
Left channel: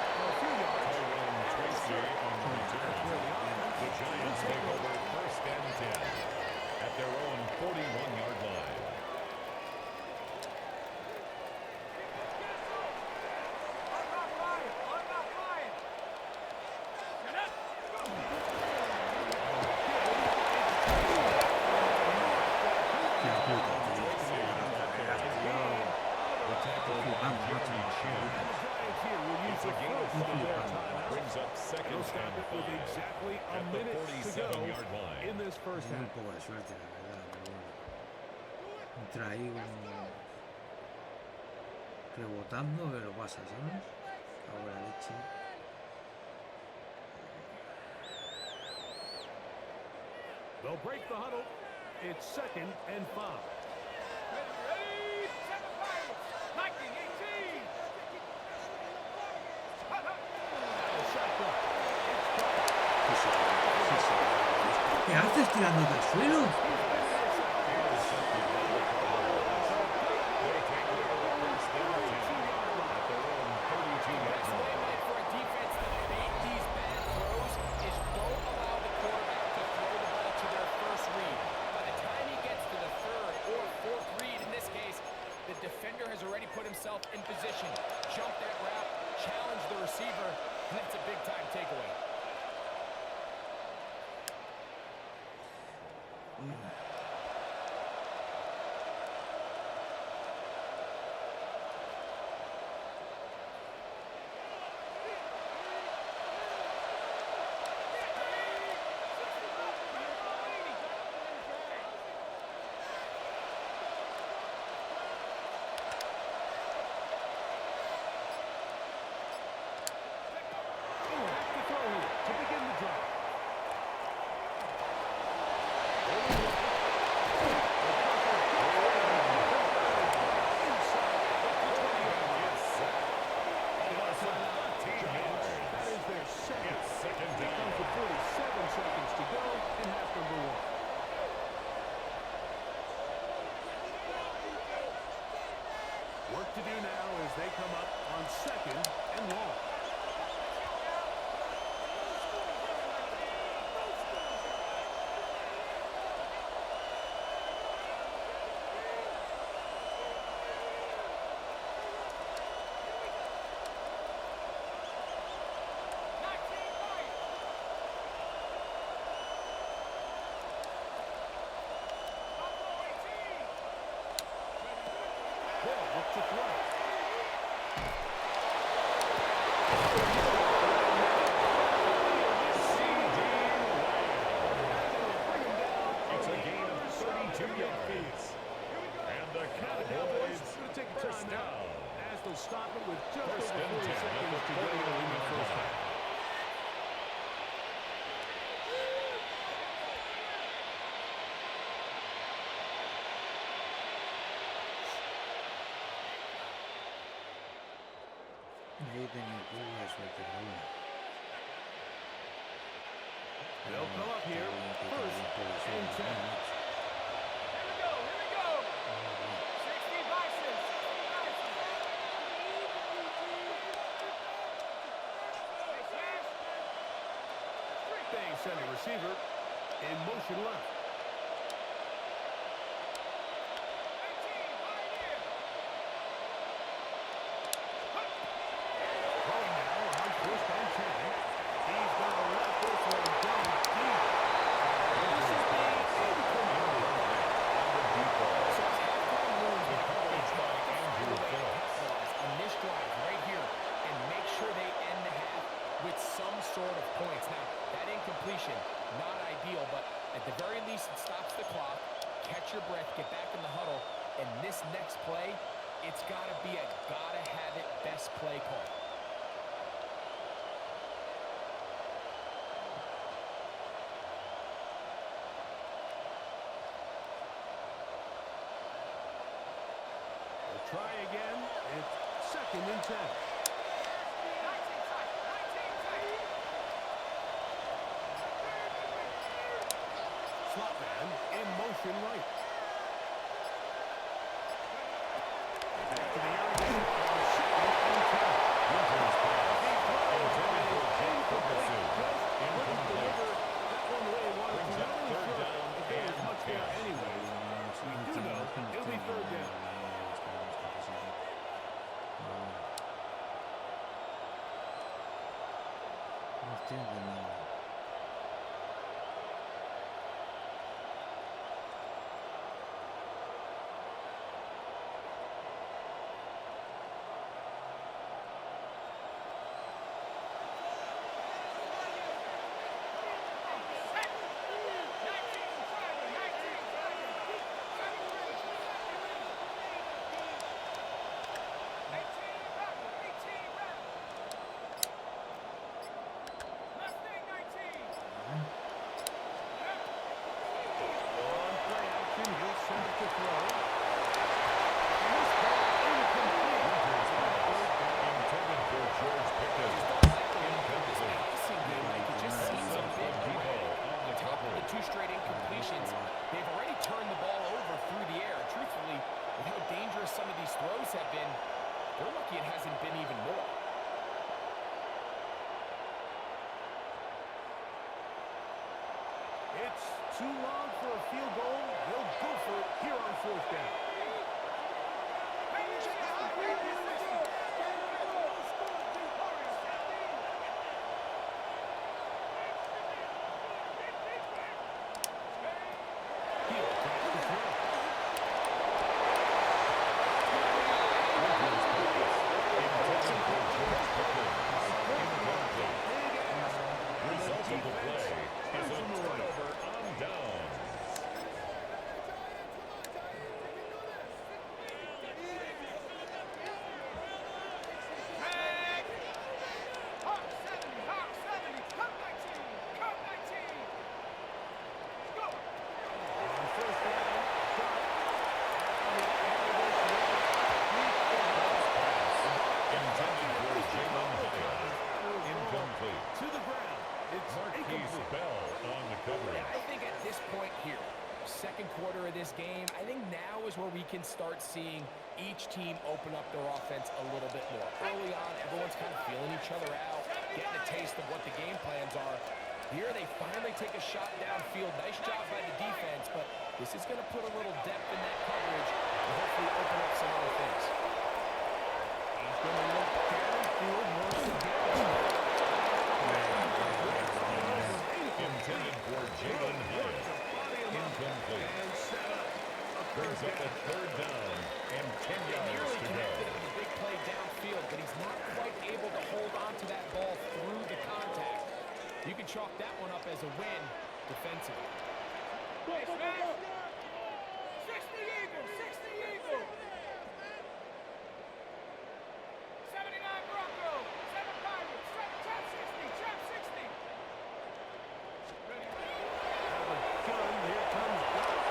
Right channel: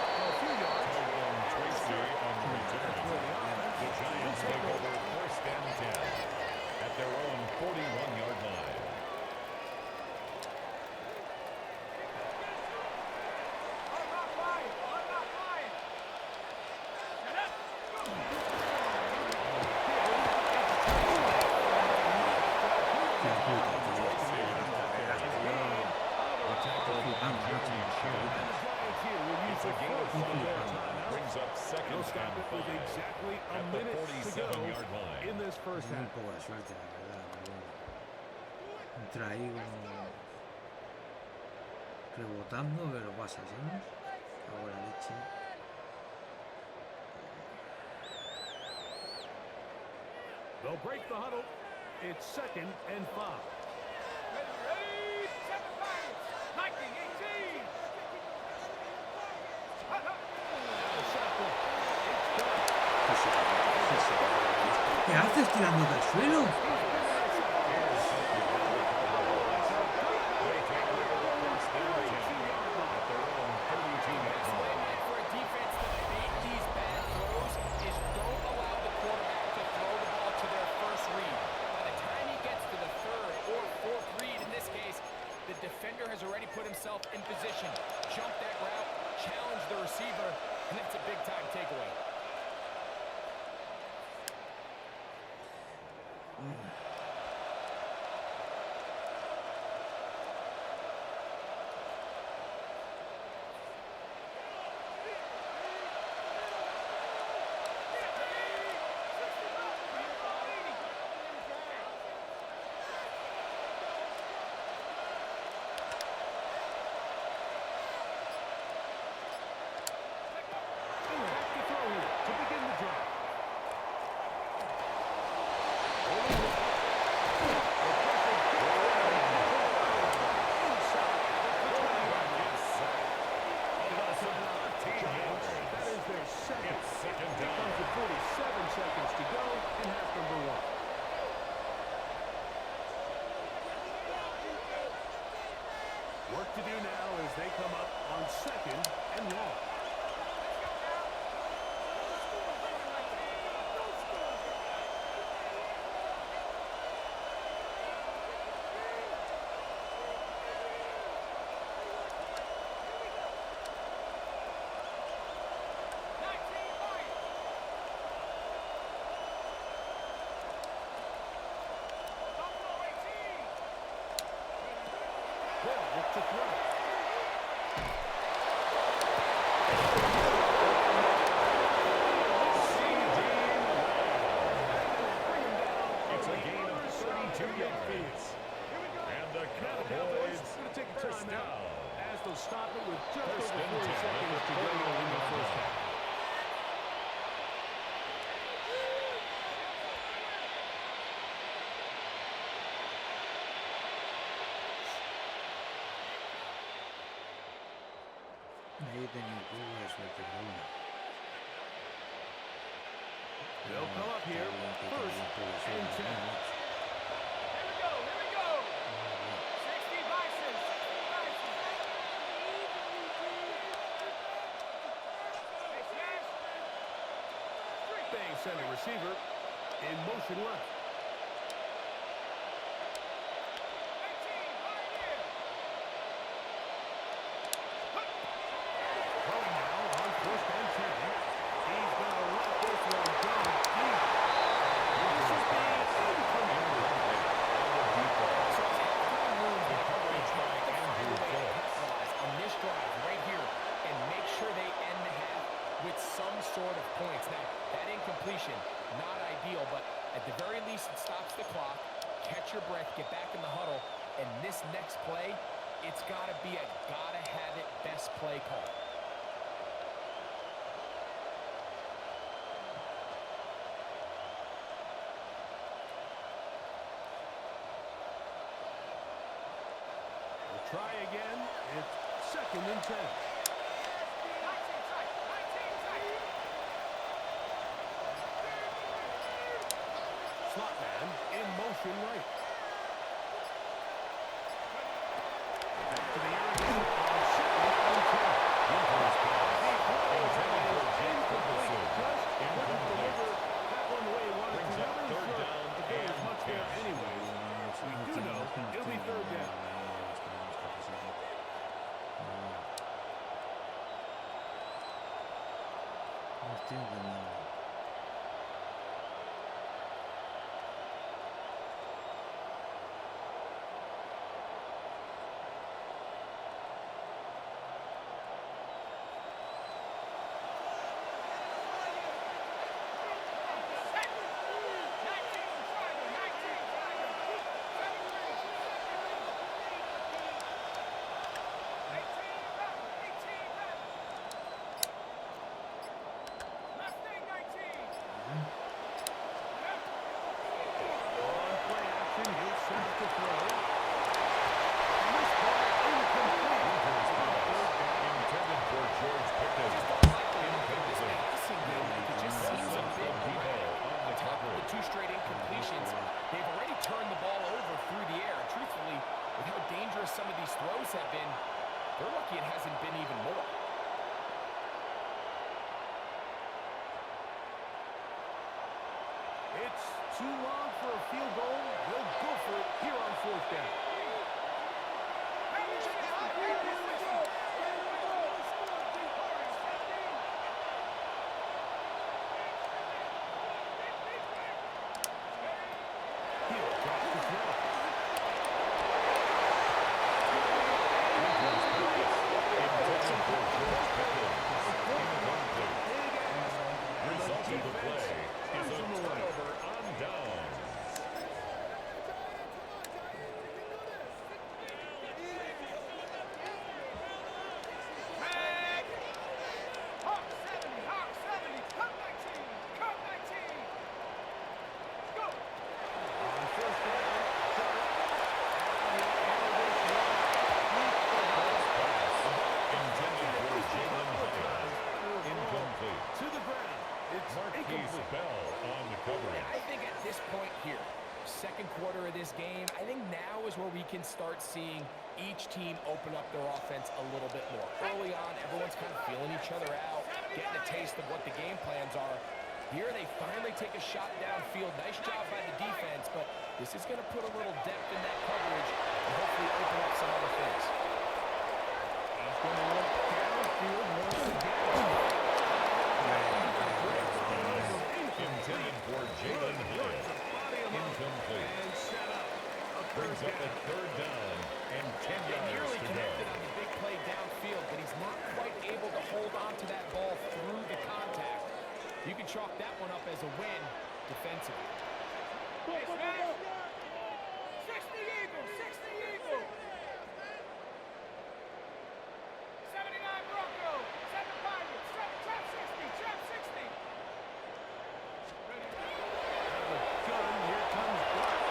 Tyrone Tracy on the return. The Giants take over first and 10 at their own 41-yard line. I'm not flying. I'm not flying. Hostia puta, tío. Las carreras, tío. Estoy flipando, macho. And the Giants here will use the first of their timeouts. Brings up second They'll stop and it with 5 exactly a at the minute to go 47-yard line. in this first Tengo un half. poco de suerte, la verdad, pero bueno. Entra ahí como rebotando, pero pasa, ¿sabes? Cago en la leche. They'll break the huddle. It's 2nd and 5. Ready? 7 fires. 19, 18. The shotgun. It's done. ¿Qué haces tirándote al suelo? Best way, Mike, for a defense to bait these bad throws is don't allow the quarterback to throw the ball to their first read. By the time he gets to the 3rd or 4th read, in this case, the defender has already put himself in position, jump that route, challenge the receiver, and that's a big-time takeaway. Back to throw here to begin the drive. That is their second. It's second Here down. comes with 47 seconds to go in half number 1. Work to do now as they come up on 2nd and long. They'll look to throw. It's a gain of 32 yards. And the Now the Cowboys going to take a first timeout down. as they'll stop it with just First over and 40 10 at seconds the to go in the 41-yard first line. half. Ahí tenía un poco de suerte, pero bueno. They'll come up here, first and 10. Here we go. 60 vices. 60 vices. Hey, Slash. They send a receiver in motion left. 18, Pioneer. Throwing now on first and 10. He's going to let this one go deep. This is being incomplete. So as halftime moves, The coverage by to find a Andrew way to Phillips. capitalize on this drive right here and make sure they end the half with some sort of points. Now, that incompletion, not ideal, but at the very least, it stops the clock. Catch your breath, get back in the huddle, and this next play, it's got to be a gotta-have-it best play call. We'll try again. It's 2nd and 10. 19 tight. 19 tight. Slot man in motion right. Back to the air again on 2nd and 10. Winter's pass. The throw Intended for is Jake incomplete. Ferguson. Just wouldn't deliver that one the way he wanted Brings to. up Not really third sure down if there was and much there 10. anyways. We do know it'll be 3rd down. No estoy entendiendo. to throw. And this ball incomplete. Intended for George Pickens. Just don't like the look of this passing game. Like it just seems a bit erratic. On top of the 2 straight incompletions, they've already turned the ball over through the air. Truthfully, with how dangerous some of these throws have been, they're lucky it hasn't been even more. It's too long for a field goal. They'll go for it here on 4th down. Hill drops the throw. Intended for George Pickens. Incomplete. Result of the play is a turnover on downs. Hawk 70, Cup 19, Cup 19. Go. On 1st down, Dart. Intended for Jalen Hyatt. Incomplete. To the ground. It's Marquise incomplete. Bell on the coverage. I think at this point here, 2nd quarter of this game, I think now is where we can start seeing each team open up their offense a little bit more. Early on, everyone's kind of feeling each other out, getting a taste of what the game plans are. Here, they finally take a shot downfield. Nice job by the defense, but this is going to put a little depth in that coverage and hopefully open up some other things. He's going to look downfield once again. Intended for Jalen Hyatt. Incomplete. And set up. Brings up a 3rd down and 10 yards Nearly to go. connected on the big play downfield, but he's not quite able to hold on to that ball through the contact. You can chalk that one up as a win defensively. Hey, Smash. 60 Eagles, 60 Eagles. 79 Broncos, 7 Pirates, trap 60, trap 60. Out of the gun, here comes Dart.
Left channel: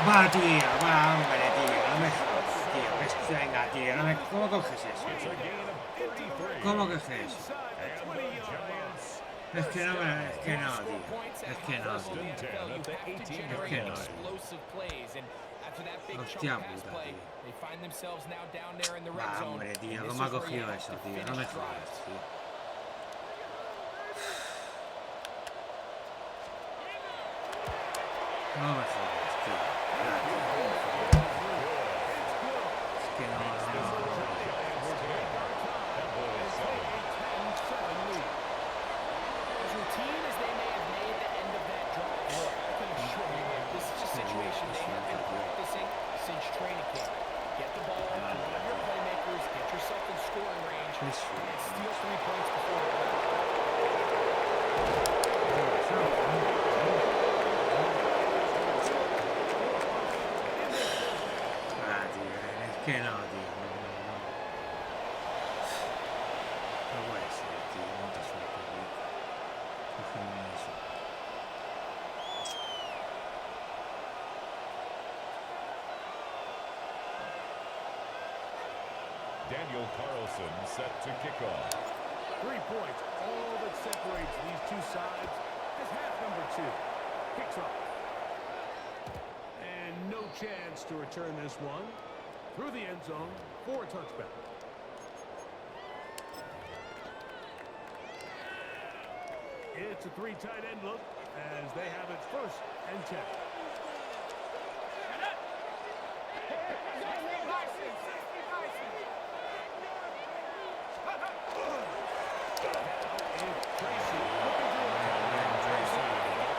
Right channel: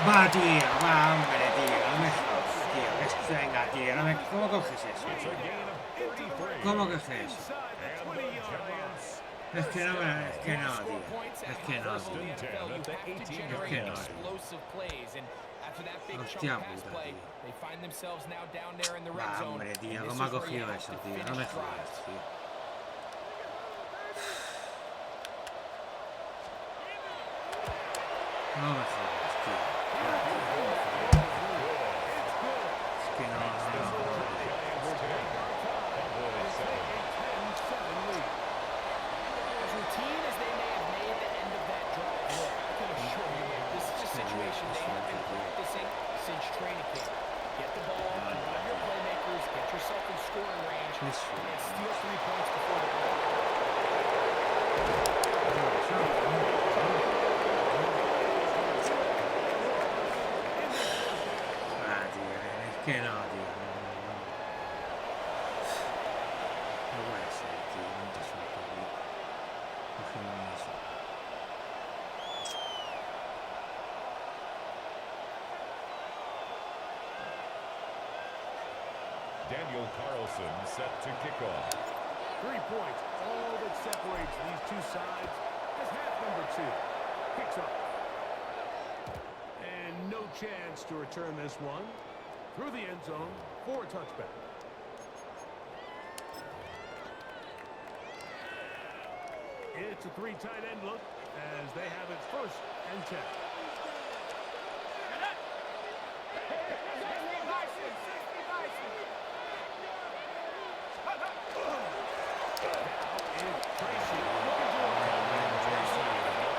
Va, tío, va, hombre, tío, no me jodas, tío. Venga, tío, no me... ¿Cómo coges eso? It's a gain of 33. ¿Cómo coges eso? Inside the And the 20-yard line. Giants Es que no me... Es que no, Score tío. points at Es que high no, level in tío. the NFL. You at the have to 18 generate yard line. explosive plays, and after that big Hostia chunk pass puta, play, tío. they find themselves now down there in the red Va, zone. hombre, tío, and this ¿cómo ha is where you cogido have eso, to tío? No finish me drives. jodas, tío. No me jodas, tío. No, tío, por favor. Es que no, no, no. Cowboys 7. As routine as they may have made the end of that drive look, I can assure you that this is a situation they have been practicing since training camp. Get the ball to one of your playmakers, get yourself in scoring range, and steal 3 points before the play. Ah, tío, es que no, tío, no, no, no. No puede ser, tío, no te suelto, tío. Cógeme eso. Daniel Carlson set to kick off. 3 points, all that separates these two sides as half number 2 kicks off. And no chance to return this one. Through the end zone for a touchback. It's a 3 tight end look as they have it 1st and 10. 60 Bison, 60 Bison. Now it's Tracy looking to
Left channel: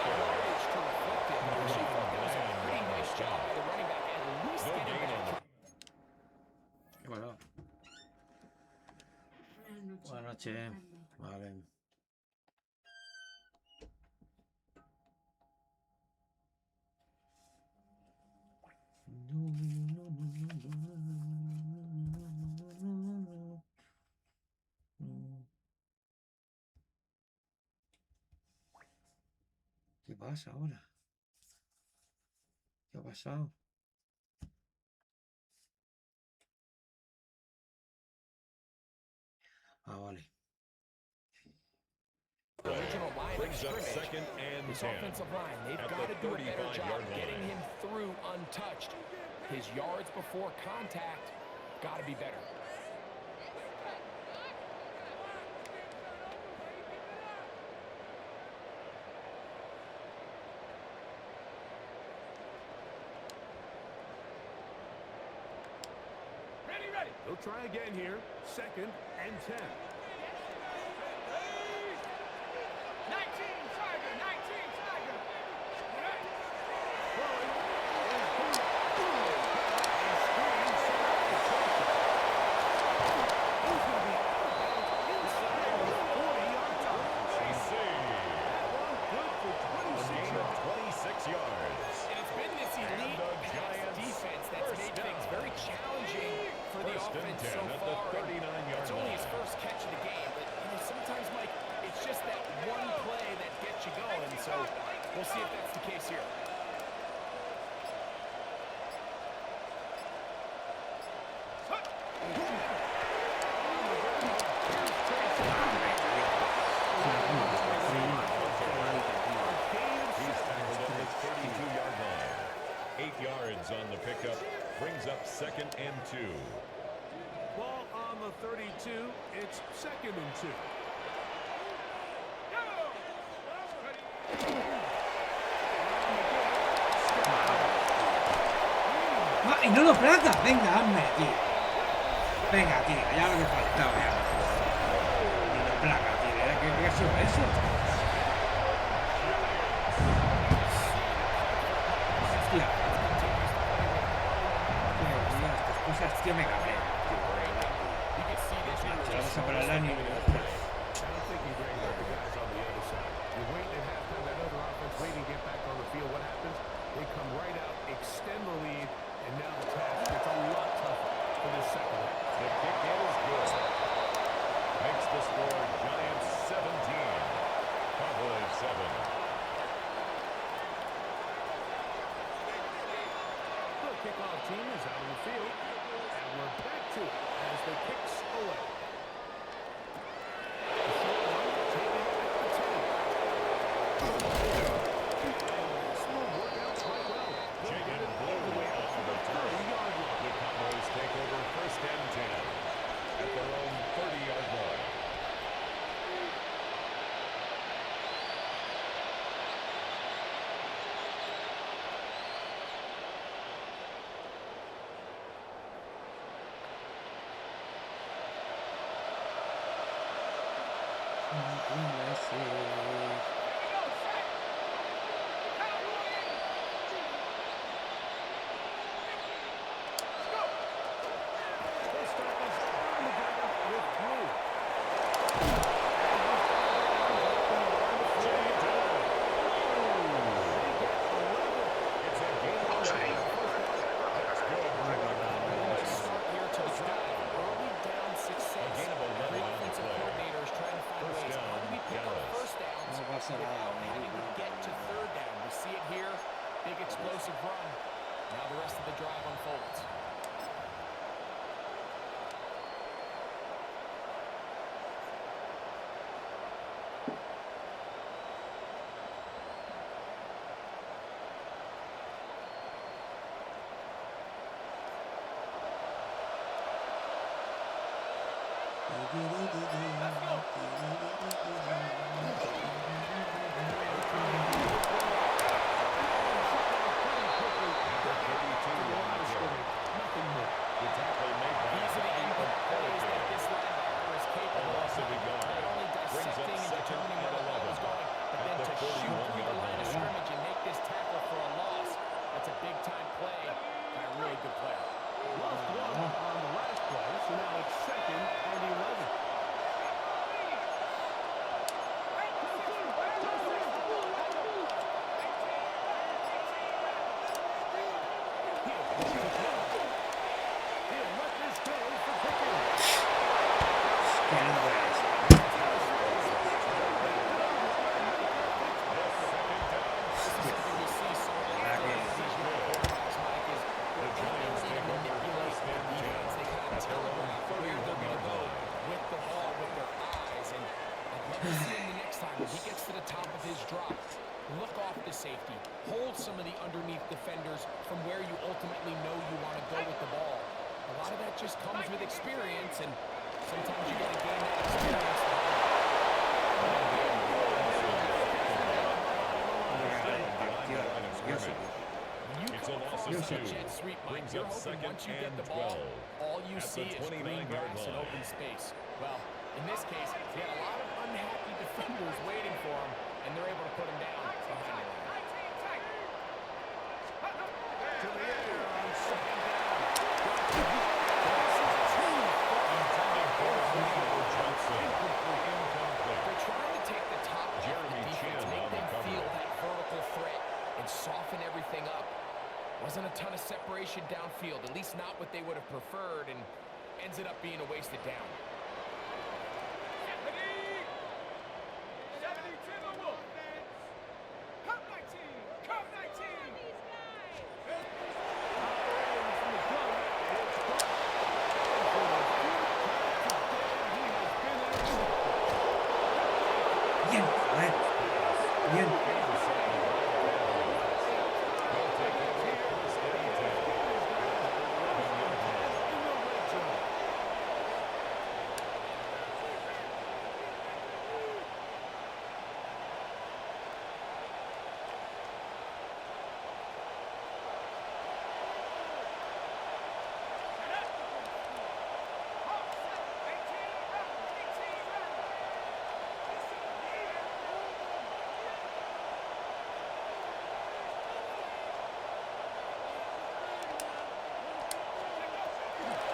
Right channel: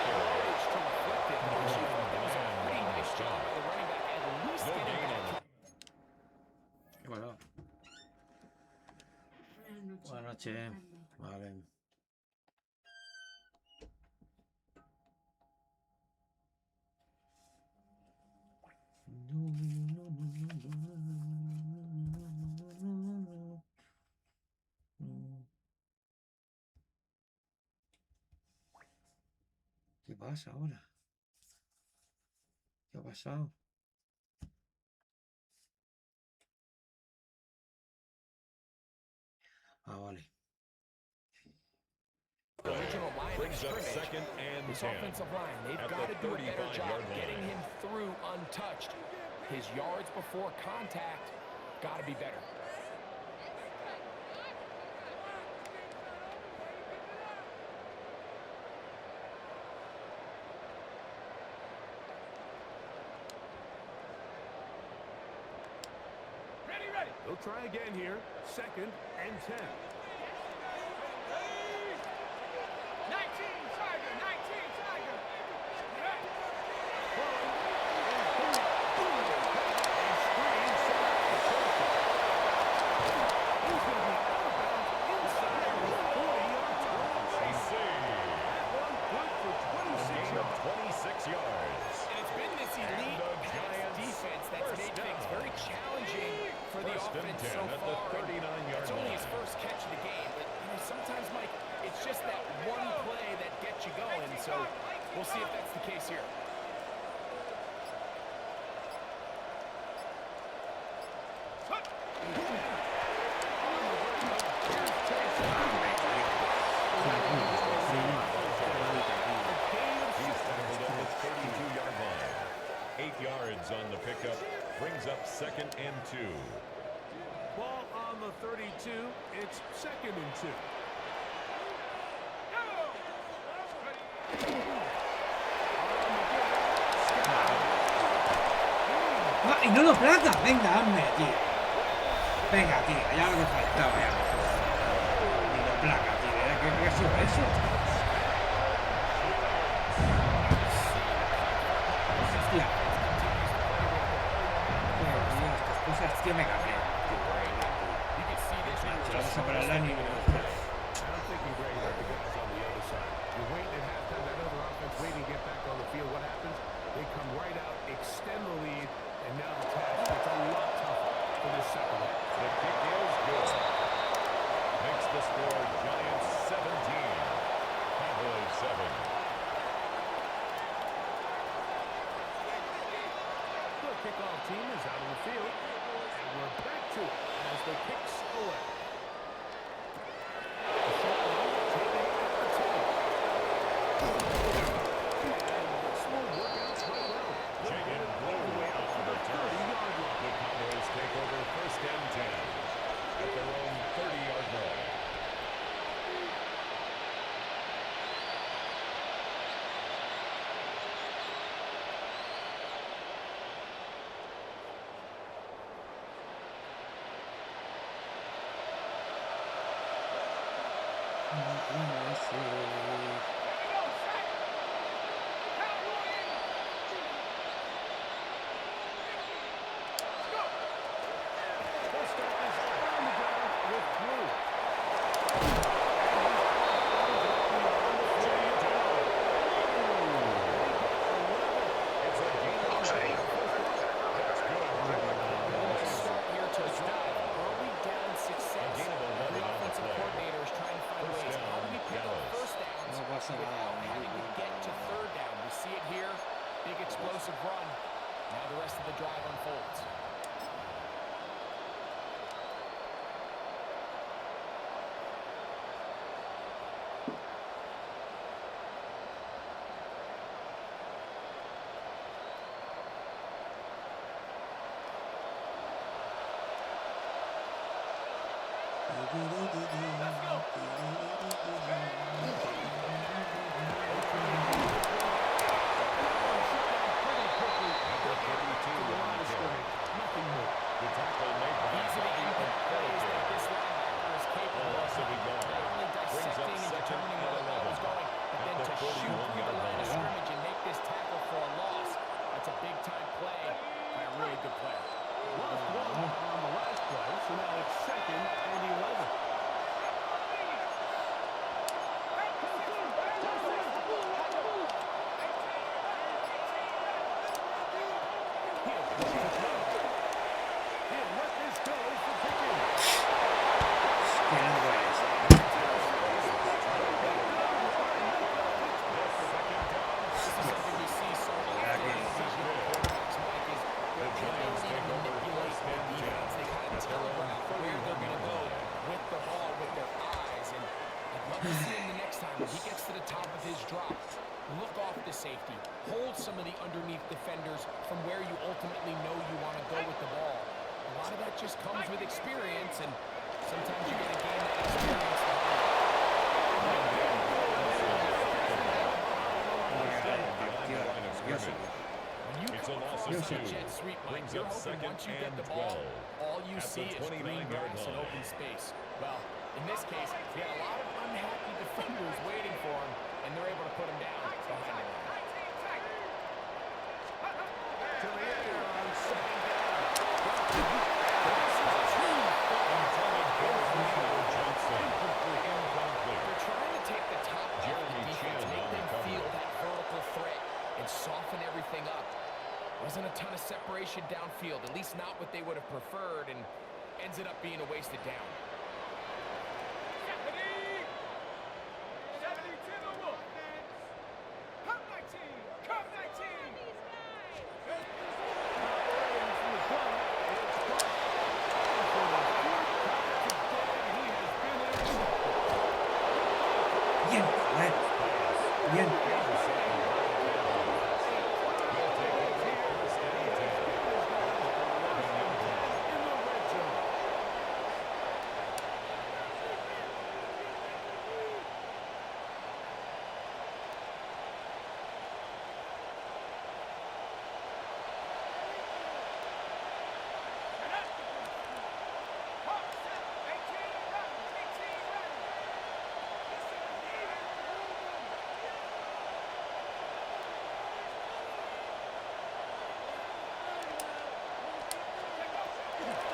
Yardage to reflect it, but I actually thought that was a pretty nice job by the running back, at least No getting gain on back. the Bueno. Buenas noches. Vale. ¿Qué pasa ahora? ¿Qué ha pasado? Ah, vale. Original line of Brings up scrimmage. second and This 10. offensive line, they've At got the to do a better 35-yard job line. getting him through untouched. His yards before contact got to be better. Ready. They'll try again here. 2nd and 10. 19, Tiger. 19, Tiger. Throwing is good. A screen set up for Joseph. He's going to be out of bounds inside the 40-yard line. I see. That one good for A 26 gain of yards. 26 yards. And it's been this elite the pass Giants' defense that's first made things down. very challenging for the First and offense 10 so at far. the 39-yard It's only his line. first catch of the game, but sometimes, Mike, it's just that one play that gets you going. So we'll see if that's the case here. He's tackled at the 32-yard line. 8 yards on the pickup. Brings up 2nd and 2. Ball on the 32. It's 2nd and 2. ¡Ah! ¡Y no lo placa! Venga, hazme, tío. Venga, tío, ya lo que faltaba, ya me jodas. Ni lo placa, tío. ¿Qué ha sido eso? Hostia. Tío, estas cosas, tío, me cabrean. Tío, vamos a parar la ni... I'm thinking, Greg, about the guys on the other side. You're waiting at halftime, that other offense waiting to get back on the field. What happens? They come right out, extend the lead, and now the task gets a lot tougher for this second half. The kick is good. Makes the score Giants 17. Cowboys 7. The kickoff team is out on the field, and we're back to it as the kicks away. A short one taken at the 10. And this will work out quite well. They'll get it all the way up to the 30-yard line. The Cowboys take over 1st and 10 at their own 30-yard line. They'll start this on the ground with Blue. It's a gain of 11. That's good. Start here to the drive. Early down success. A gain of 11 Every on the offensive play. coordinator is trying to find First ways. How do we down, pick up Dallas. first downs No pasa nada, without muy having to bien. get to third down? We see it here. Big explosive run. Now the rest of the drive unfolds. Shut down pretty quickly. They get to the line of scrimmage. time, when he gets to the top of his drop, look off the safety. Hold some of the underneath defenders from where you ultimately know you want to go with the ball. A lot of that just comes with experience, and sometimes you got to gain that experience. When you come across a jet sweep, Mike, you're hoping once you get the ball, all you see is green grass and open space. Well, in this case, he had a lot of unhappy defenders waiting for him, and they're able to put him down behind the line. To the air on second down. They're trying to take the top off the defense, make them feel that vertical threat, and soften everything up. Wasn't a ton of separation downfield, at least not what they would have preferred, and ends it up being a wasted down. 70 to the Wolf. Come 19. Come 19. Operating from the gun. It's caught. And for the fourth time today, he has been intercepted. Bien, joder. Bien.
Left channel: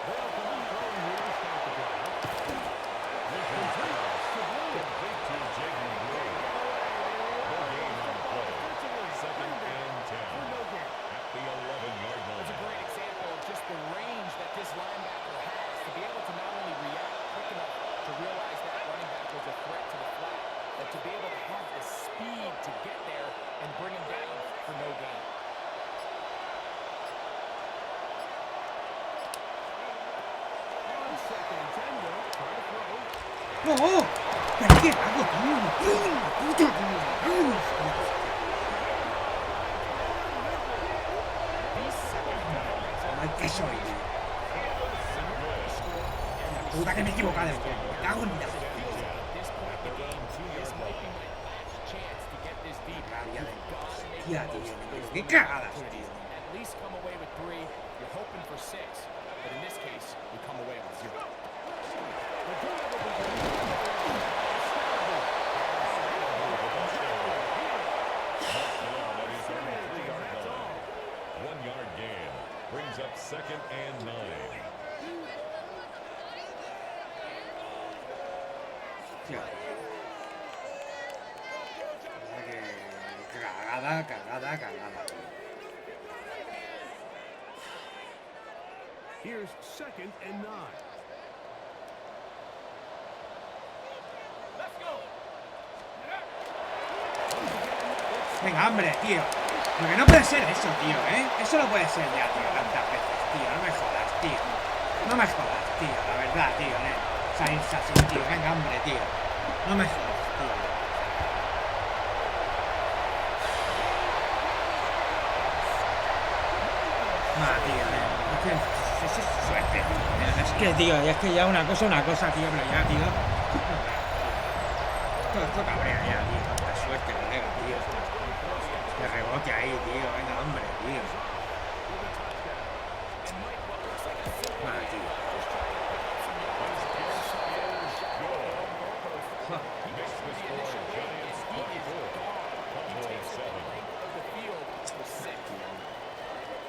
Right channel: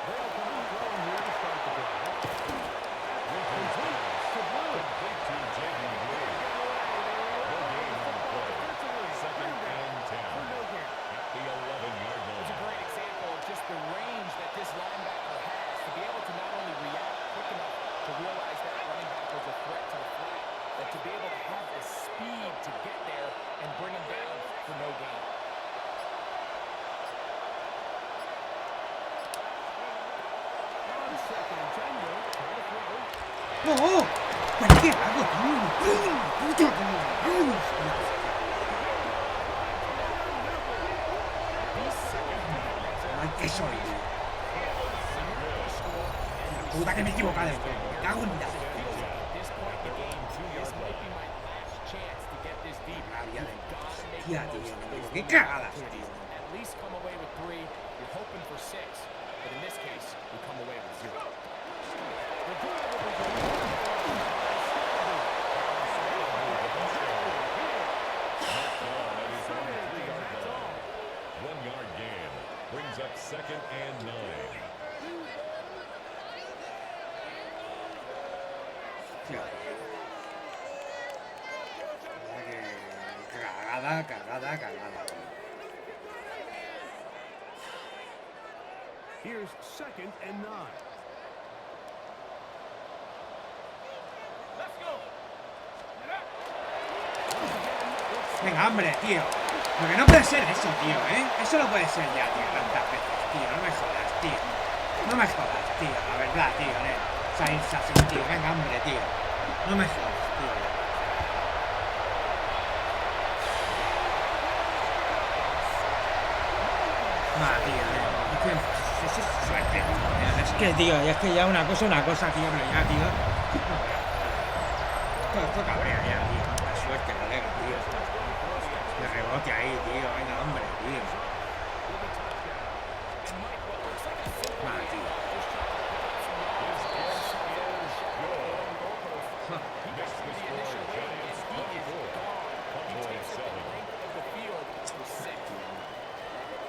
They'll come out throwing here to start the drive. Complete to Blue. Complete to Jaden Blue. No gain on the play. Second and 10. For no gain. At the 11-yard It's a line. great example of just the range that this linebacker has to be able to not only react quick enough to realize that running back was a threat to the flat, but to be able to have the speed to get there and bring him down for no gain. On second and 10, though, trying to throw. ¡No! ¿Pero qué hago, tío? ¡Puta, tío! ¡Mal que soy, tío! La puta que me he equivocado del juego. Me cago en la... Rabia de... Hostia, tío. ¡Qué cagadas, tío! At least come away with 3. You're hoping for 6, but in this case, you come away with 0. The drive will begin. Touchdown at his own 3-yard line. 1-yard gain. Brings up second and 9. Hostia. Cagada, cagada, cagada. Here's second and 9. Let's go. Venga, hombre, tío. Lo que no puede ser eso, tío, ¿eh? Eso no puede ser ya, tío, tantas veces, tío. No me jodas, tío. No me jodas, tío. La verdad, tío, salirse así, tío. Venga, hombre, tío. No me jodas, tío. Tío, es suerte, tío. Es que, tío, es que ya una cosa, tío, pero ya, tío. Esto cabrea ya, tío. Tanta suerte, colega, tío. De rebote ahí, tío. Venga, hombre, tío. Tío.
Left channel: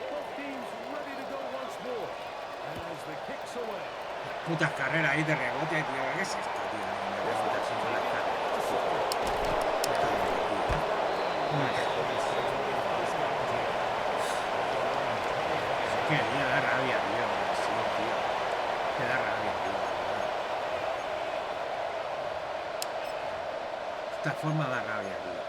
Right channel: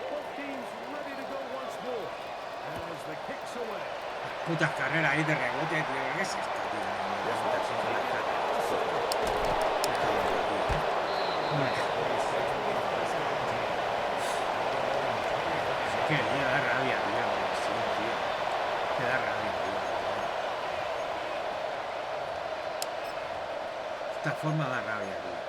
Both teams ready to go once more. As the kicks away. Putas carreras ahí de rebote, tío. ¿Qué es esto, tío? De rebote así con las carreras. Es que, tío, da rabia, tío. Sí, tío. Que da rabia, tío. Esta forma da rabia, tío.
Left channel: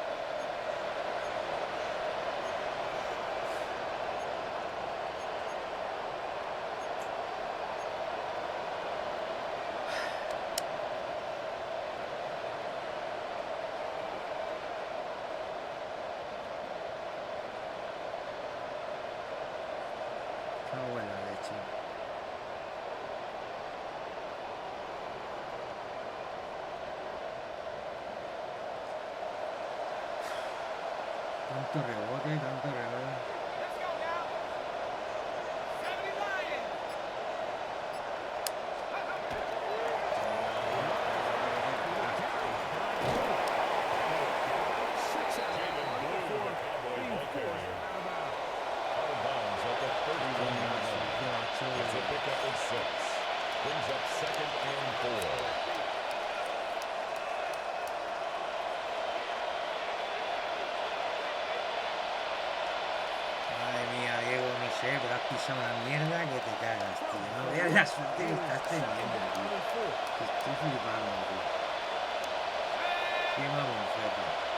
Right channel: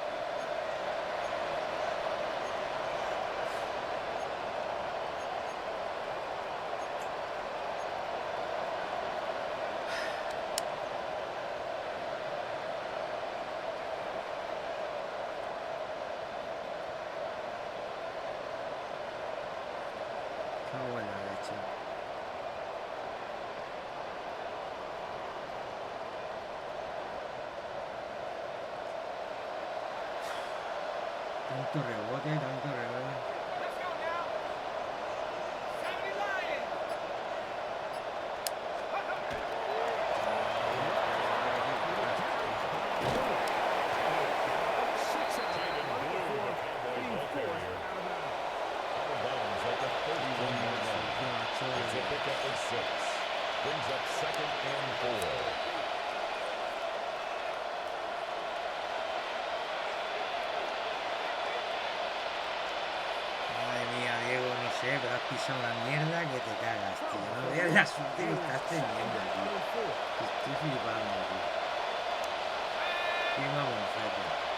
Tanto rebote, tanto rebote. Let's go now. 70 Lion. Jaden Blue, the Cowboy ball carrier. Out of bounds at the 31-yard line. That's a pickup of 6. Brings up 2nd and 4. Madre mía, Diego, no sé, pero has pisado una mierda que te cagas, tío. No veas la suerte que estás teniendo, tío. Estoy flipando, tío. Qué mamonfete.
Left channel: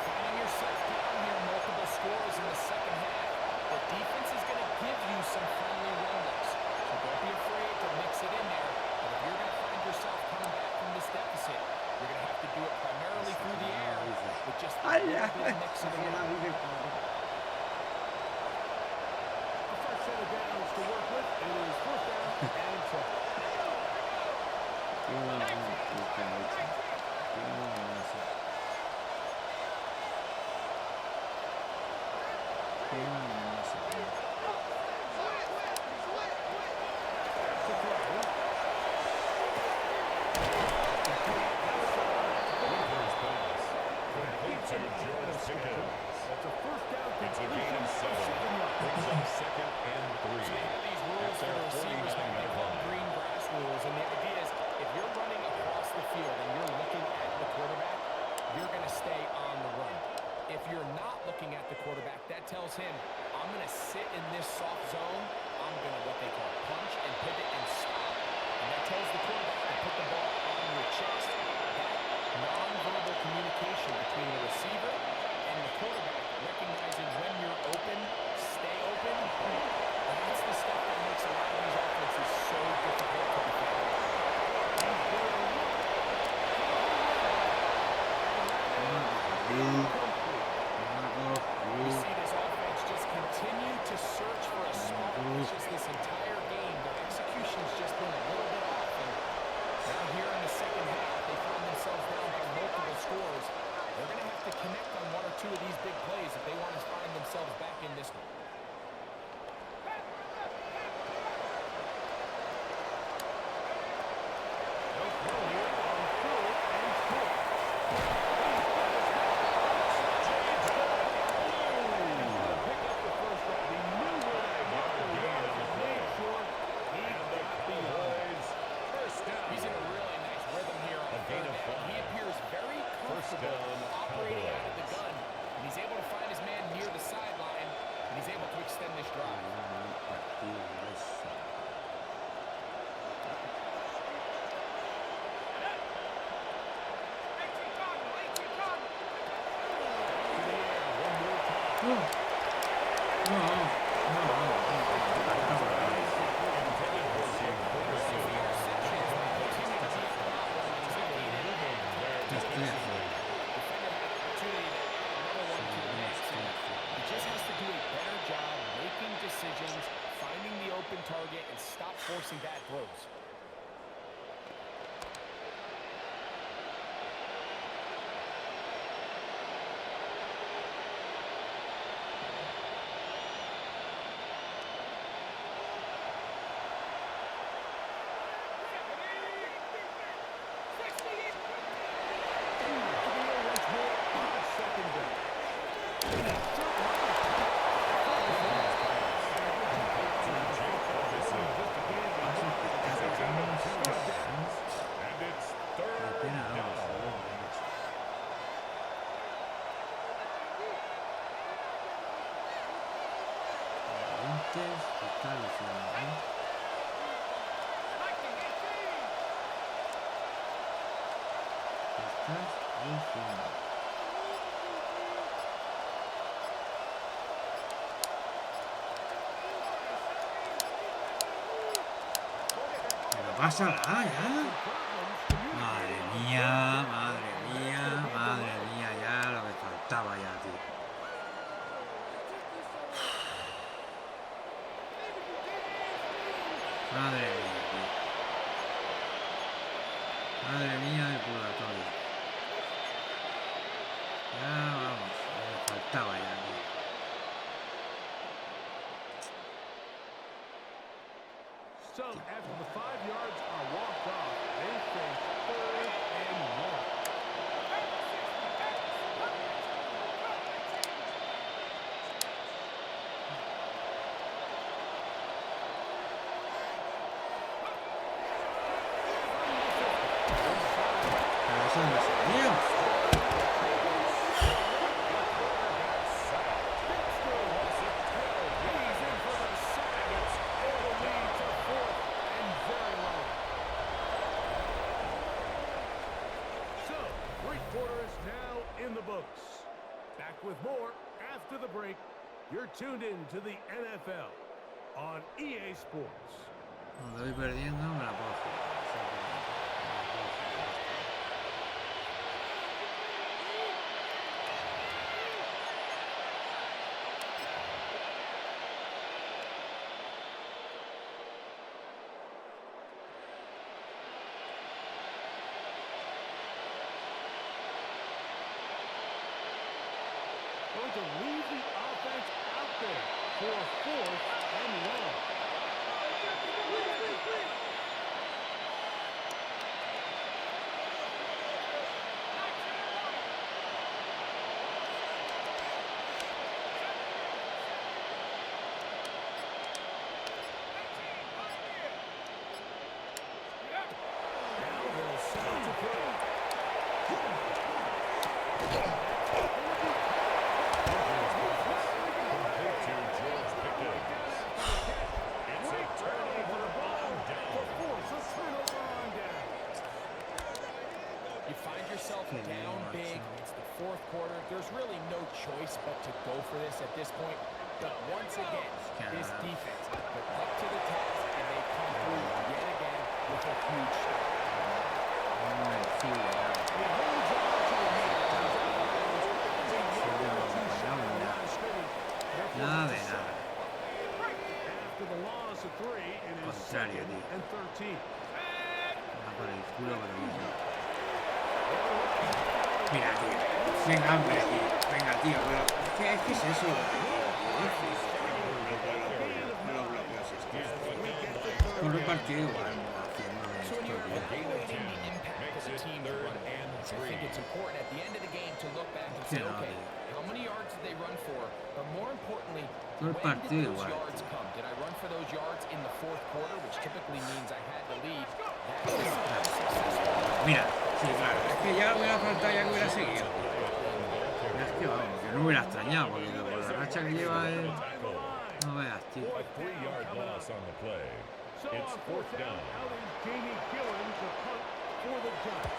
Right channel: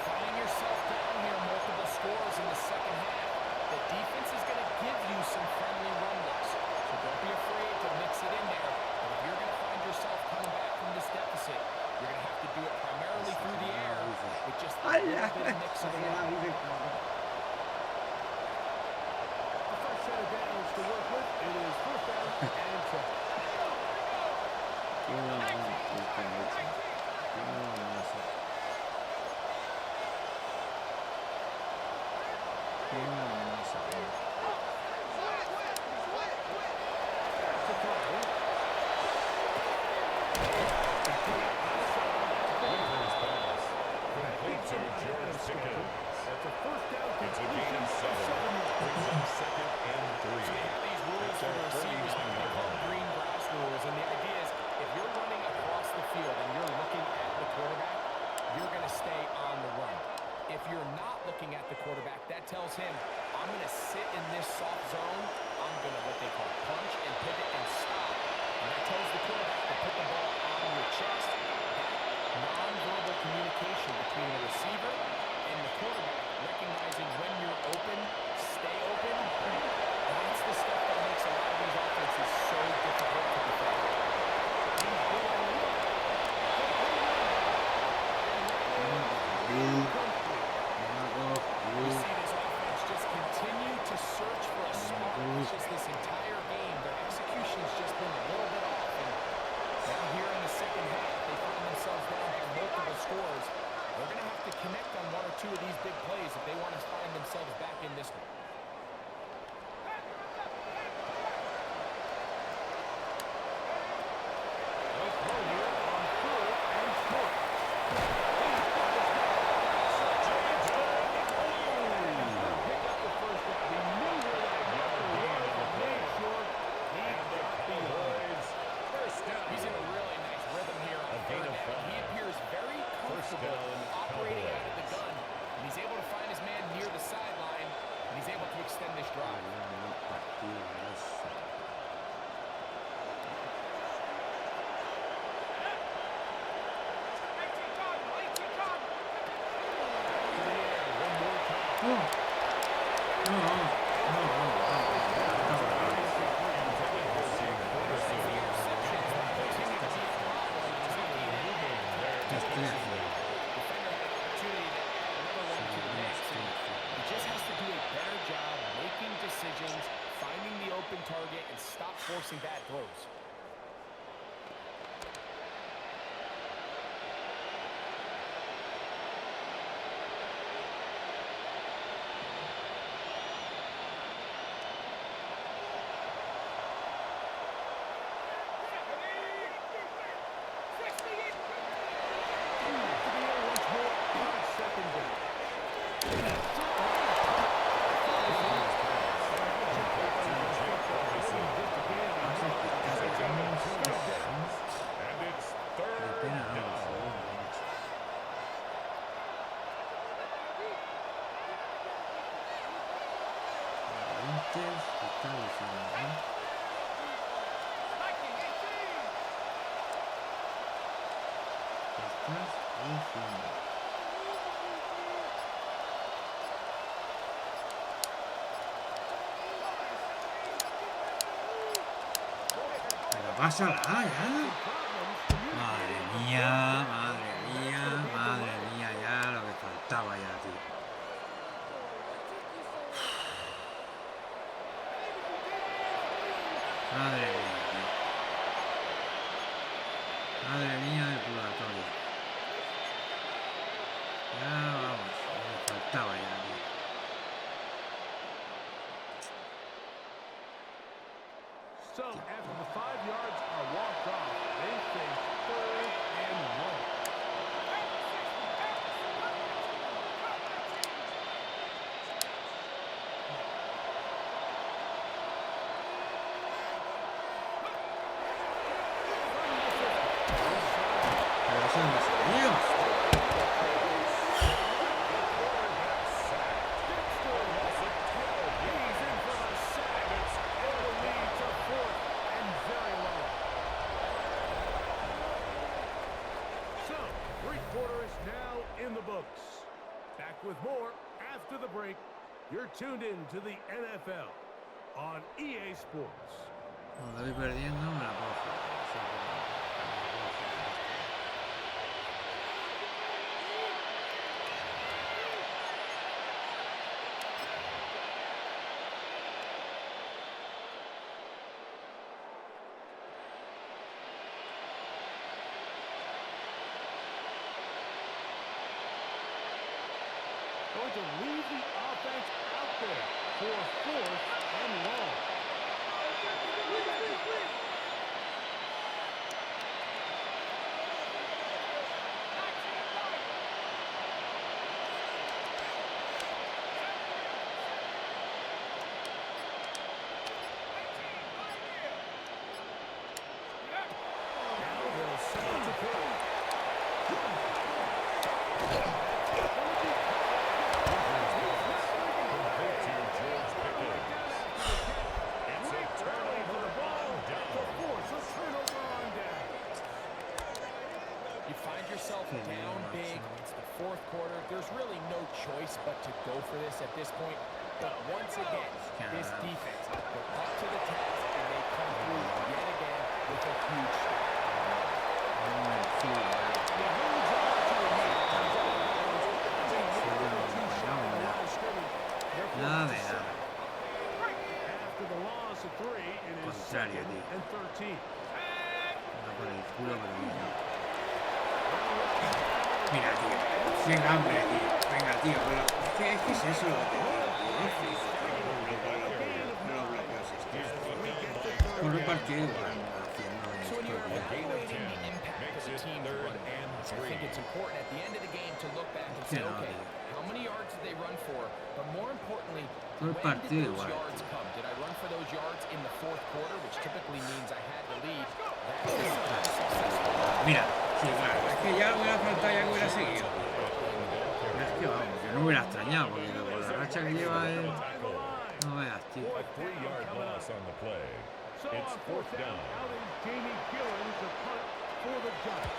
Finding yourself down here, multiple scores in the second half. The defense is going to give you some friendly run looks. So don't be afraid to mix it in there. But if you're going to find yourself coming back from this deficit, you're going to have to do it primarily through the air with just a little bit of mix of the run. A fresh set of downs to work with. It is first down and 10. Qué mamón, puta leche. Qué mamonazo. Qué mamonazo, tío. Winford's pass. Complete to George Pickens. That's a first down It's a gain completion of of 7. 7 yards. Brings up 2nd and 3. So they have these rules for the receivers that they call green grass rules, and the idea is if you're running across the field and you're looking at the quarterback, you're going to stay on the run. If you're not looking at the quarterback, that tells him, I'm going to sit in this soft zone, I'm going to what they call punch and pivot and stop, and that tells the quarterback to put the ball on your chest. That nonverbal communication between the receiver and the quarterback, recognizing when you're open, stay open, that's the stuff that makes a lot of these offenses so difficult to defend. We see this offense just continue to search for a spark. It's just this entire game, their execution's just been a little bit off. And now here in the second half, they find themselves down by multiple scores. They're going to have to connect on 1 or 2 of these big plays if they want to find themselves back in this one. They'll throw here on 3rd and short. Pick up the first down. He knew where that blocker was and made sure he got beyond. First down. He's in a really nice rhythm here on A gain 3rd of down. 5. He appears very comfortable down, operating out of the Cowboys. gun, and he's able to find his man near the sideline, and he's able to extend this drive. To the air one more time. No. No. No. Intended for Jake Ferguson. Interceptions that continue to be a problem, and he's lucky he didn't make it. Estoy Defender had an opportunity to add another one to the mix, and he just has to do a better job making decisions, finding the open target, and stop forcing bad throws. To the air once more on 2nd down. And it's 3rd down. Está diciendo, ¿eh? Estás diciendo. Pero pásala ya. Madre mía, madre mía, madre mía, ya lo que faltaba ya, tío. Madre mía, tío. Madre mía del purgatorio. Ya vamos, me faltaba ya, tío. So, after the 5 yards are walked off, they face 3rd and long. Pero eso no se dio. He's in for the sack. It'll lead to 4th and very long. So, 3 quarters now in the books. Back with more after the break. You're tuned in to the NFL on EA Sports. Cuando voy perdiendo me la puedo jugar. Así que me la puedo jugar. Going to leave the offense out there for 4th and long. Now they'll set it to throw. Complete to George Pickens. It's a turnover on down. To force a turnover on down. You find yourself down big. It's the 4th quarter. There's really no choice but to go for this at this point. But once again, this defense, they're up to the task, and they come through yet again with a huge stop. No me decía nada. He holds on to a lead. Comes out of bounds. It's a yard or two shot on the line of scrimmage. They're Nada forced de to nada. settle. After the loss of 3, it is Contrario, 2nd tío. and 13. Va por el culo, pero bien. Mira, tío. Venga, hombre, tío. Venga, tío. Pero es que es eso lo que te digo, tío. Es flipo, tío. Los bloqueos estos. Por el partido igual. Haciendo So when you're esto, tío. evaluating the impact of the team's run offense, I think it's important at the end of the game to look back and say, Sí, no, okay, tío. how many yards did they run for? But more importantly, Todo el when did partido those igual, yards tío. come? Did I run for those yards in the 4th quarter, which typically means I had the lead? That's the sign of successful. Mira, sí, claro. Es que ya hubiera faltado, ya que hubiera seguido, tío. Pero es que vamos, yo no hubiera extrañado, porque con la racha que lleva él. No veas, tío. A 3-yard loss on the play. So It's on 4th down. out is Jamie Gillen to punt for the Giants.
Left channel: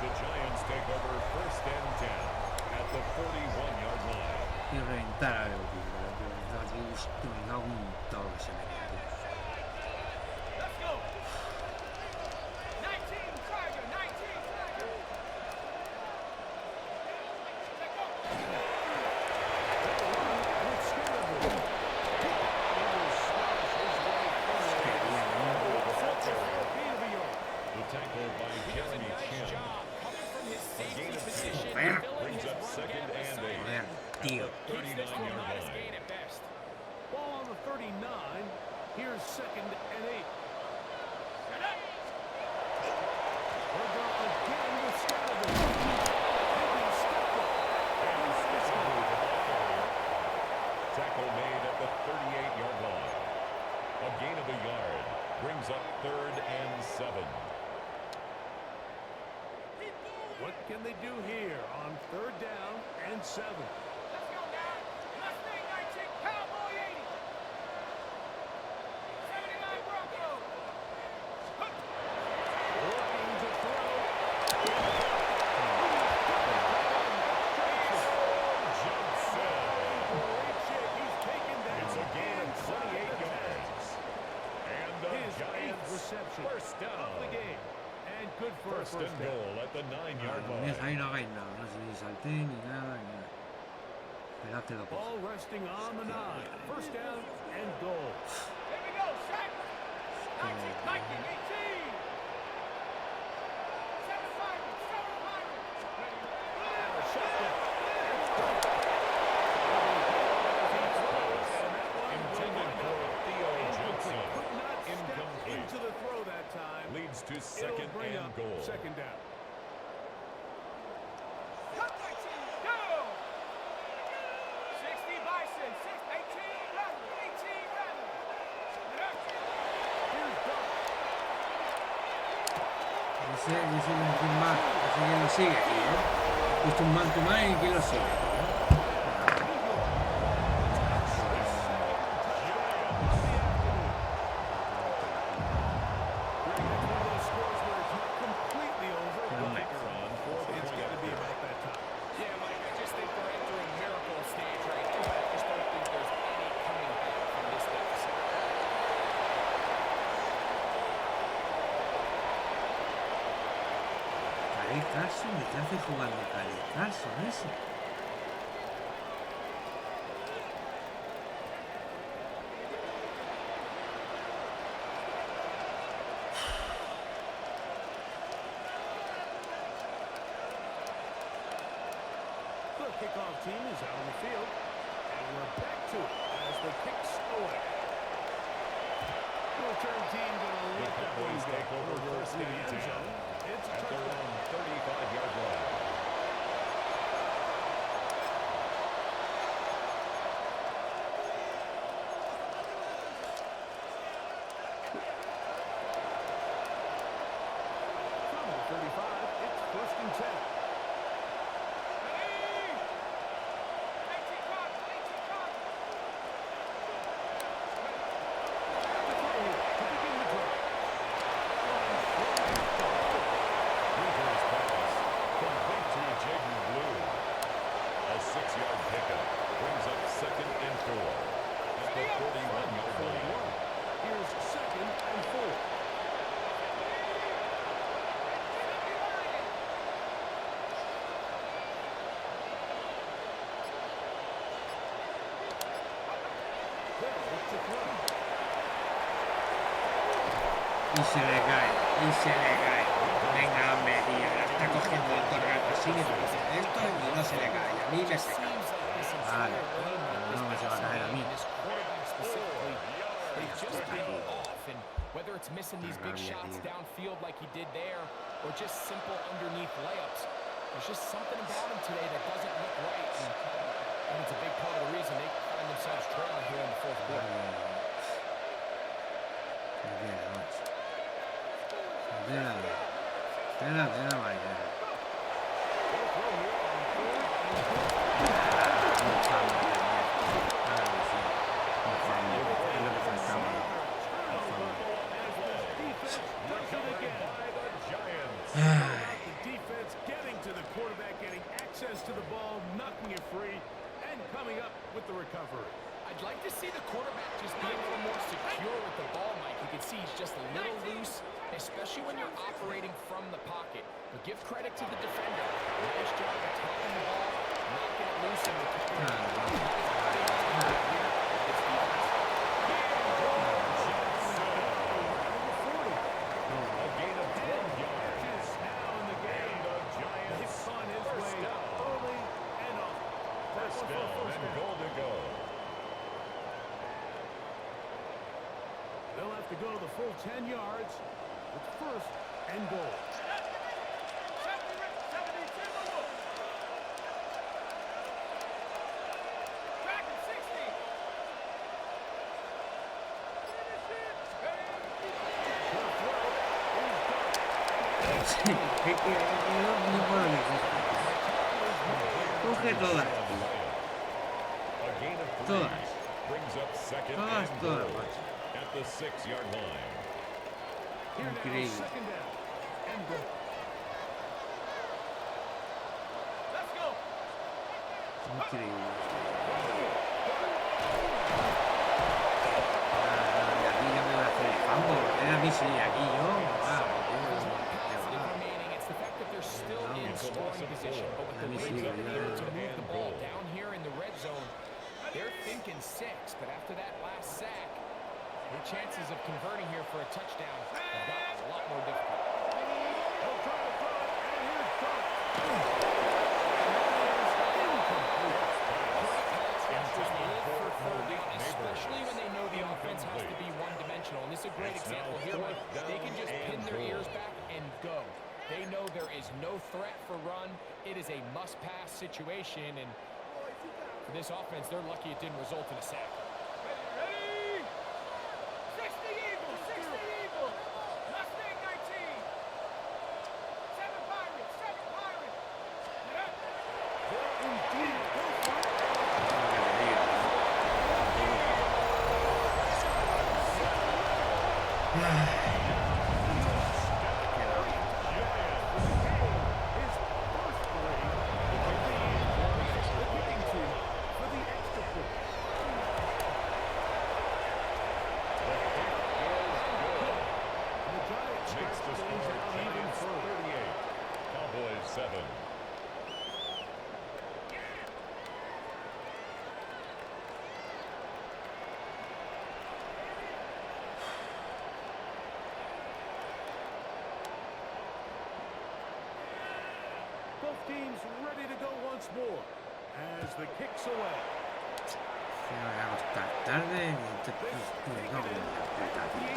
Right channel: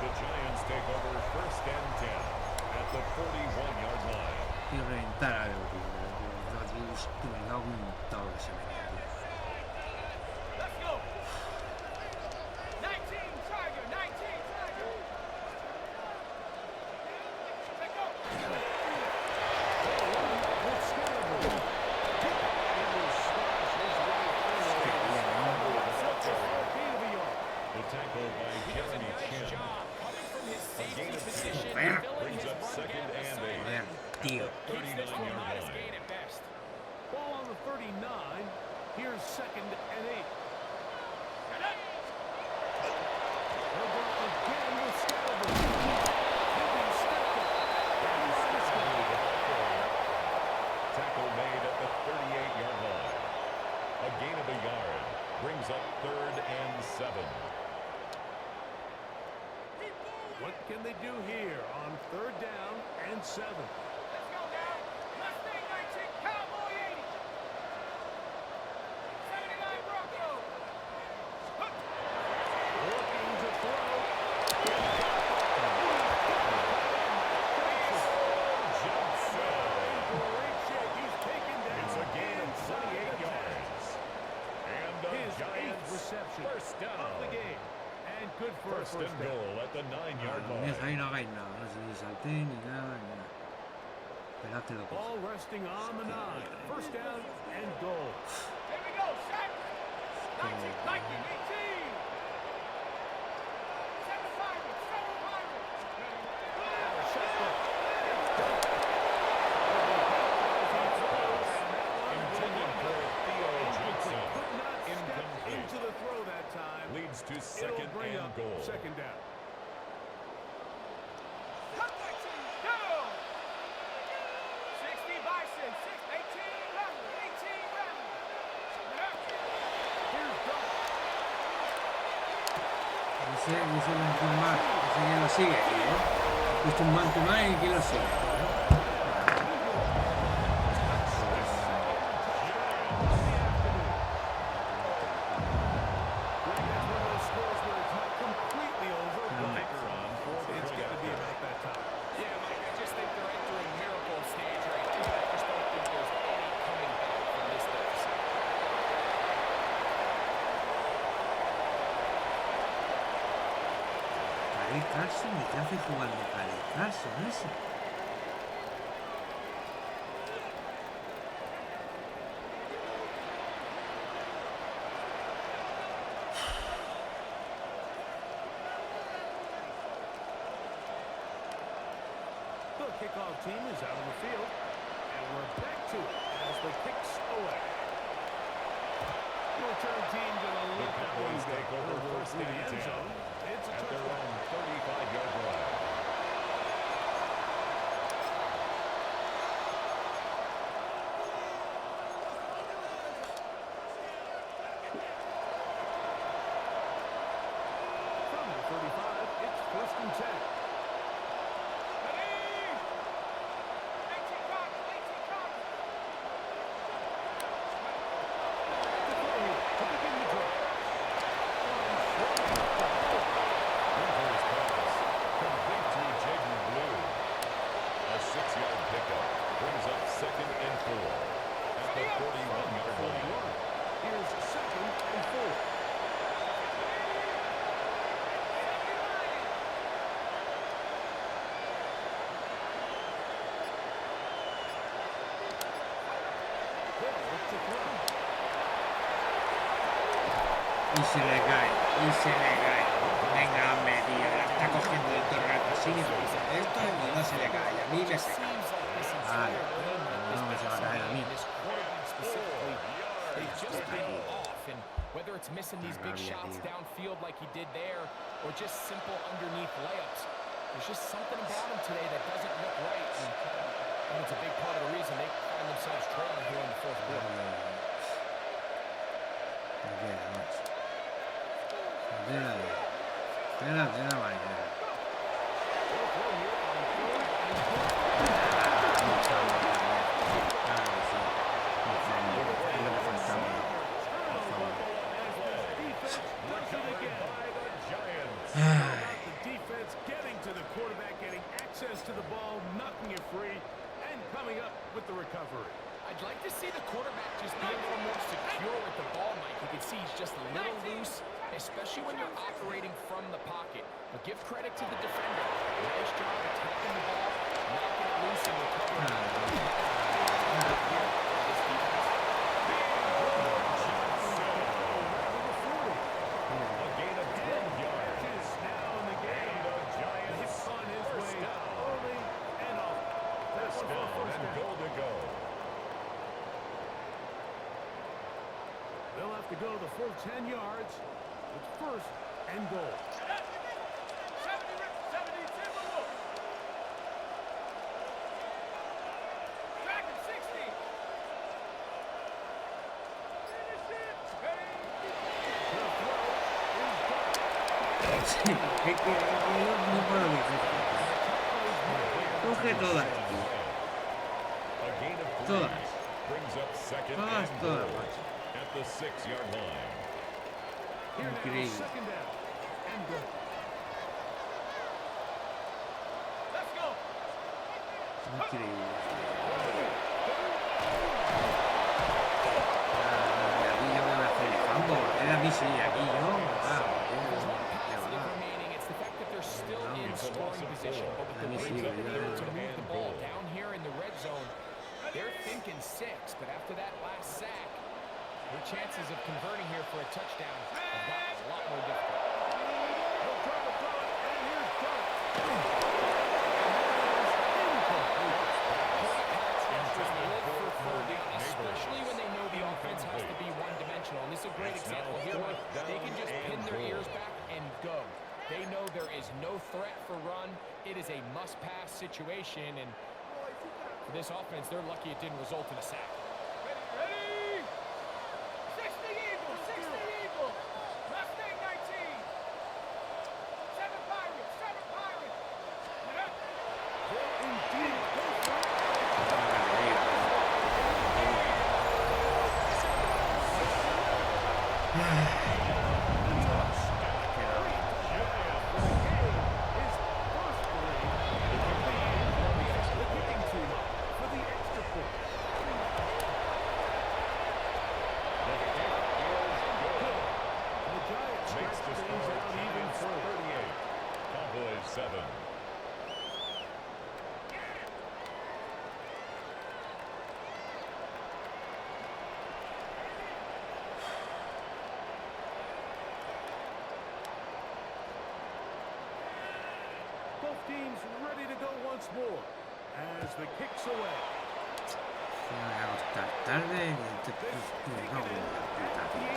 The Giants take over 1st and 10 at the 41-yard line. Y reventar algo, tío. Pero tío, me cago en todo lo que se venía, tío. Let's go. 19 Tiger, 19 Tiger. Let go. The tackle by Jeremy Nice Chin. job coming from his safety of position, Joder. filling Brings his up run 2nd down the and sideline. 8 Joder, tío. Keeps this to a 39-yard modest line. gain at best. Ball on the 39. Here's 2nd and 8. Shut up. Herbert again with Scalaboo. the 38-yard line. A gain of a yard brings up 3rd and 7. What can they do here on 3rd down and 7? Let's go now. Mustang 19, Cowboy 80. 79 Bronco. Looking to throw. Great shape. He's taken down. It's a gain of 28 yards. And the His 8th Giants reception first down. of the game. And good for a First first and down. goal at the 9-yard Ahí line. no hagáis nada, no sé ni salté ni nada, ni nada. Esperad que lo coja. Ball resting on the 9. First down and goal. Here we go, Shaq. 19, Viking 18. 7 Pirates, 7 Pirates. Intended for Theo Johnson. Could not step Incomplete. into the throw that time. Leads to It'll second bring and up goal. second down. Go! 60 Bison, 18 Rattler, 18 Rattler. Here's Duck. Ese quién más, ese quién lo sigue, tío. Puesto un man to man y quién lo sigue, tío. Greg, that's one of those scores where it's not completely over, but Kicker on 4th it's point got to be after. about that time. Yeah, Mike, I just think they're entering miracle stage right now. I just don't think there's any coming back from this deficit. Kyle Carson, ¿y qué hace jugando Kyle Carson ese? The kickoff team is out on the field, and we're back to it as the kicks away. The return team going to The let that one Cowboys go. take over It'll go first through the and end 10 zone. It's a at their touchdown. own 35-yard line. From the 35, it's 1st and 10. Ready? 18 Cardinals, 18 Cardinals. To throw here to begin the drive. One swung at the hole. Winter's pass, complete to Jaden Blue. A 6-yard pickup brings up 2nd and 4 at the 41-yard line. Here's 2nd and 4. They'll look to throw. Y se le cae, y se le cae. Venga, hombre, tío, la está cogiendo el todo el rato así, ni dice esto y no se le cae. A mí me se cae. Seems like this Vale, entire game like this, no me se va a caer a mí. this quarterback specifically, they've just been off. And whether it's missing these big Rabia, shots tío. downfield like he did there, or just simple underneath layups, there's just something about him today that doesn't look right. And it's a big part of the reason they find themselves trailing here in the 4th quarter. Espera, vaya. They'll throw here on 3rd and 4. Un fumble también. Claro que sí. Un fumble. Es lo que faltaba. Un fumble. The defense getting to the quarterback, getting access to the ball, knocking it free, and coming up with the recovery. I'd like to see the quarterback just be a little more secure with the ball, Mike. You can see he's just a little loose, especially when you're operating from the pocket. But give credit to the defender. Nice job attacking the ball, knocking it loose and recovering. A gain of 12 yards. Is now in the game. And the Giants Hits on his first way down. early and often. That First one for a down first and down. goal to go. They'll have to go the full 10 yards. It's 1st and goal. 70 Timberwolves. Dragon 60. Sí, es que no puedo ni coge todas, tío. A gain of 3 Todas. brings up second Todas, and todas, goal macho. at the 6-yard line. Here now, Increíble. second down and goal. Let's go. Increíble. Y aquí yo me voy a hacer el fumble. A mí sí, aquí yo. Remaining, it's the fact that they're still in It's a loss scoring of position, 4. but with the Let me Ravens see, being able to third move the and ball goal. down here in the red zone, they're thinking 6, but after that last sack, their chances of converting here for a touchdown have gotten a lot more difficult. He'll try to throw it, and here's Dart. And that is incomplete. Great pass rushers live for for third Malik down, Neighbors. especially when they know the offense has to be one-dimensional. And this is a great It's example now here, Mike. fourth They can down just pin and their goal. ears back and go. They know there is no threat for run. It is a must-pass situation, and for this offense, they're lucky it didn't result in a sack. Ready? 60 Eagles, 60 Eagles. Mustang 19. 7 Pirates, 7 Pirates. Get up. They'll indeed go for it. His first three. The kicking team up for the extra point. The kick is good. And the Giants Makes stretch the things score out even Giants further. 38. Cowboys 7. Both teams ready to go once more as the kicks away. Me voy a acostar tarde y entonces me cago en la puta, tío.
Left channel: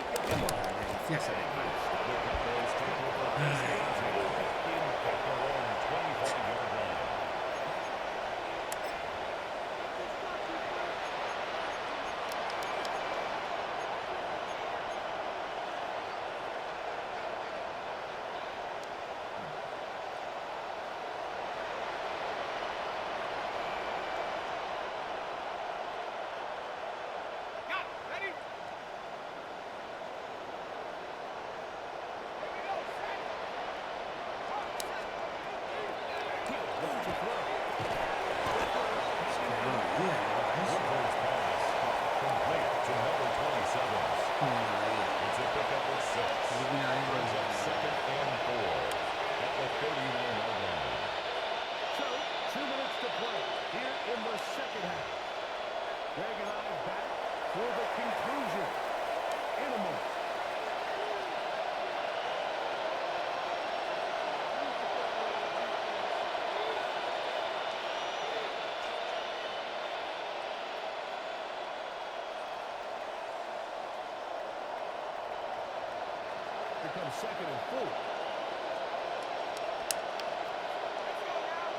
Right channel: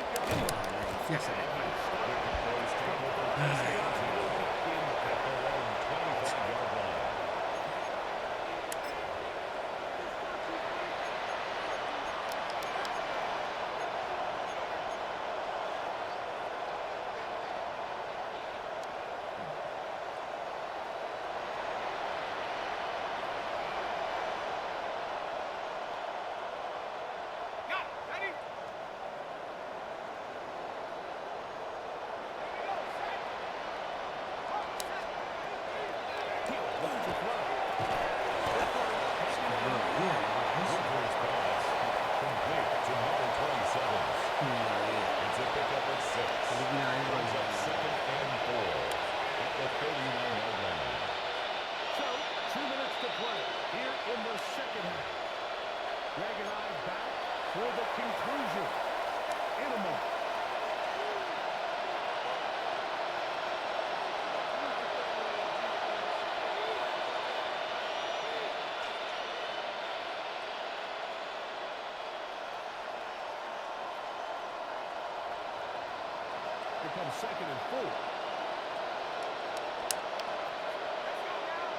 Me decías a mi madre. The Cowboys take over this game at their own 25-yard line. Got it. Ready? Here we go. Set. Up, set. Looking to throw. No, yeah, Rivers pass. Complete to number 27. It's a pickup at 6. Brings up second and 4 at the 39-yard line. So, 2 minutes to play here in the second half. Greg and I back for the conclusion in a moment. Here comes second and 4. Let's go now.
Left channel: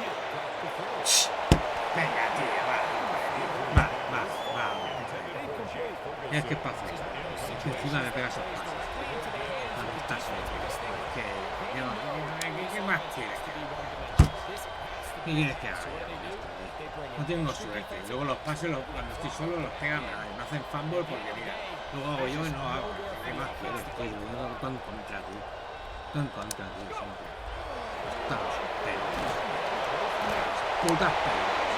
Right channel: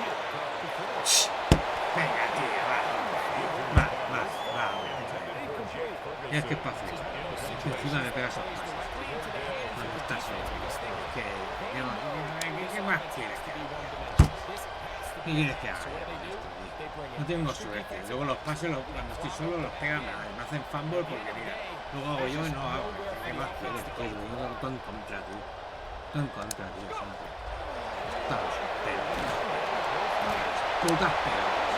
He'll drop the throw. Venga, tío, va. Incomplete. Y es que es fácil. Es que encima me pegas esos pases. Cuando estás solo. ¿Qué más quieres que haga? ¿Qué quieres que haga yo con esto, tío? No tengo suerte. Luego los pases, cuando estoy solo, los pegan mal. Me hacen fumble porque, mira, luego hago yo y no hago. ¿Qué más quieres, tío? Yo todo en contra, tío. Todo en contra, tío, siempre. Estas pelotas. Putas pelotas.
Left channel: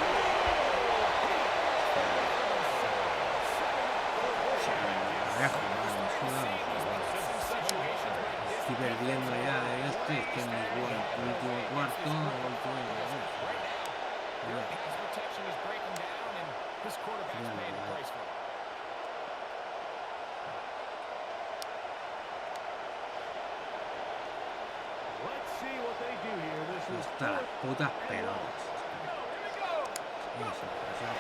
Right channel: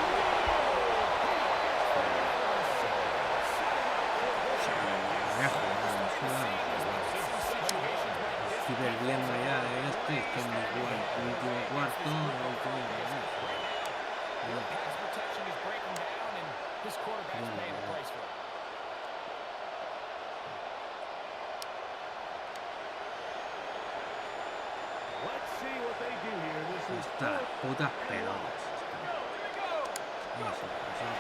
Voy a jugar, me suda, estoy perdiendo ya de este, es que en mi último cuarto, Their pass protection is breaking down, and this quarterback's paying the price for it. Let's see what they do here. This is Estas las putas pelotas. Here we go. Eso,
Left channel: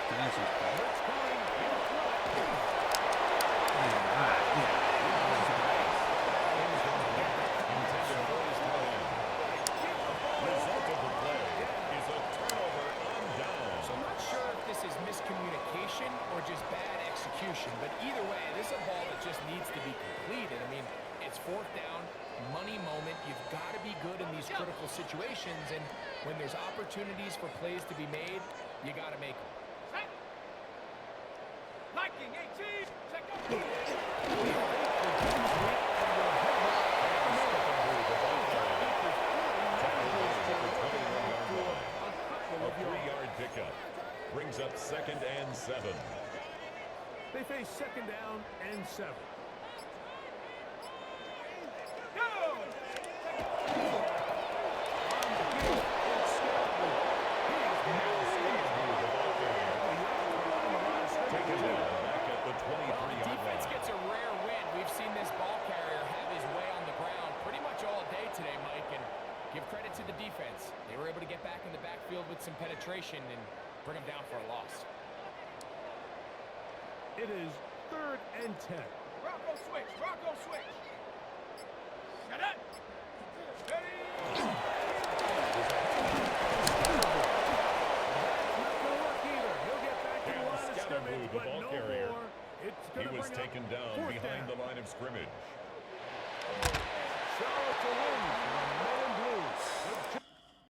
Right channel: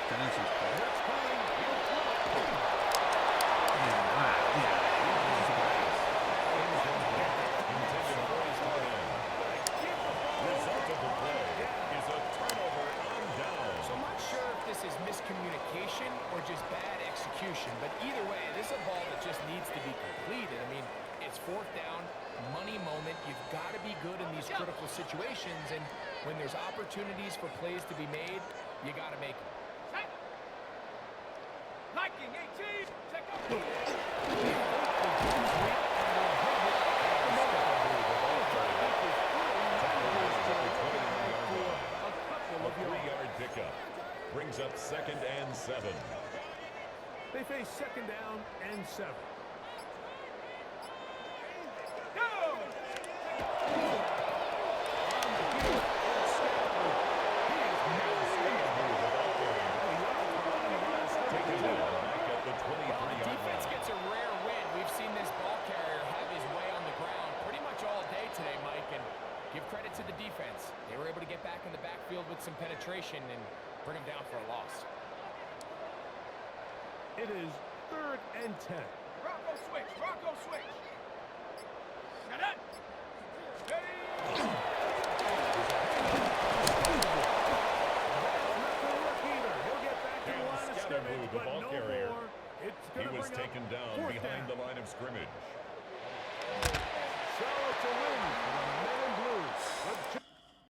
tres esto. Blitz coming. He'll throw it. Venga, va, tira. Result of the play is a turnover on down. So I'm not sure if this is miscommunication or just bad execution, but either way, this is a ball that just needs to be completed. I mean, it's fourth down, money moment. You've got to be good in these critical situations, and when there's opportunities for plays to be made, you got to make them. Set. Liking 18. Check out. A 3-yard pickup brings up 2nd and 7. They face 2nd down and 7. Go. Taken down back at the 23-yard Well, the defense line. gets a rare win. We've seen this ball carrier have his way on the ground pretty much all day today, Mike, and give credit to the defense. They were able to get back in the backfield with some penetration and bring them down for a loss. It is 3rd and 10. Rocco switch. Rocco switch. Shut up. Ready. That's not going to work either. He'll get back to the line of scrimmage, the but ball no carrier. more. It's He going to was bring taken up down 4th behind down. the line of scrimmage. So it's a win for the men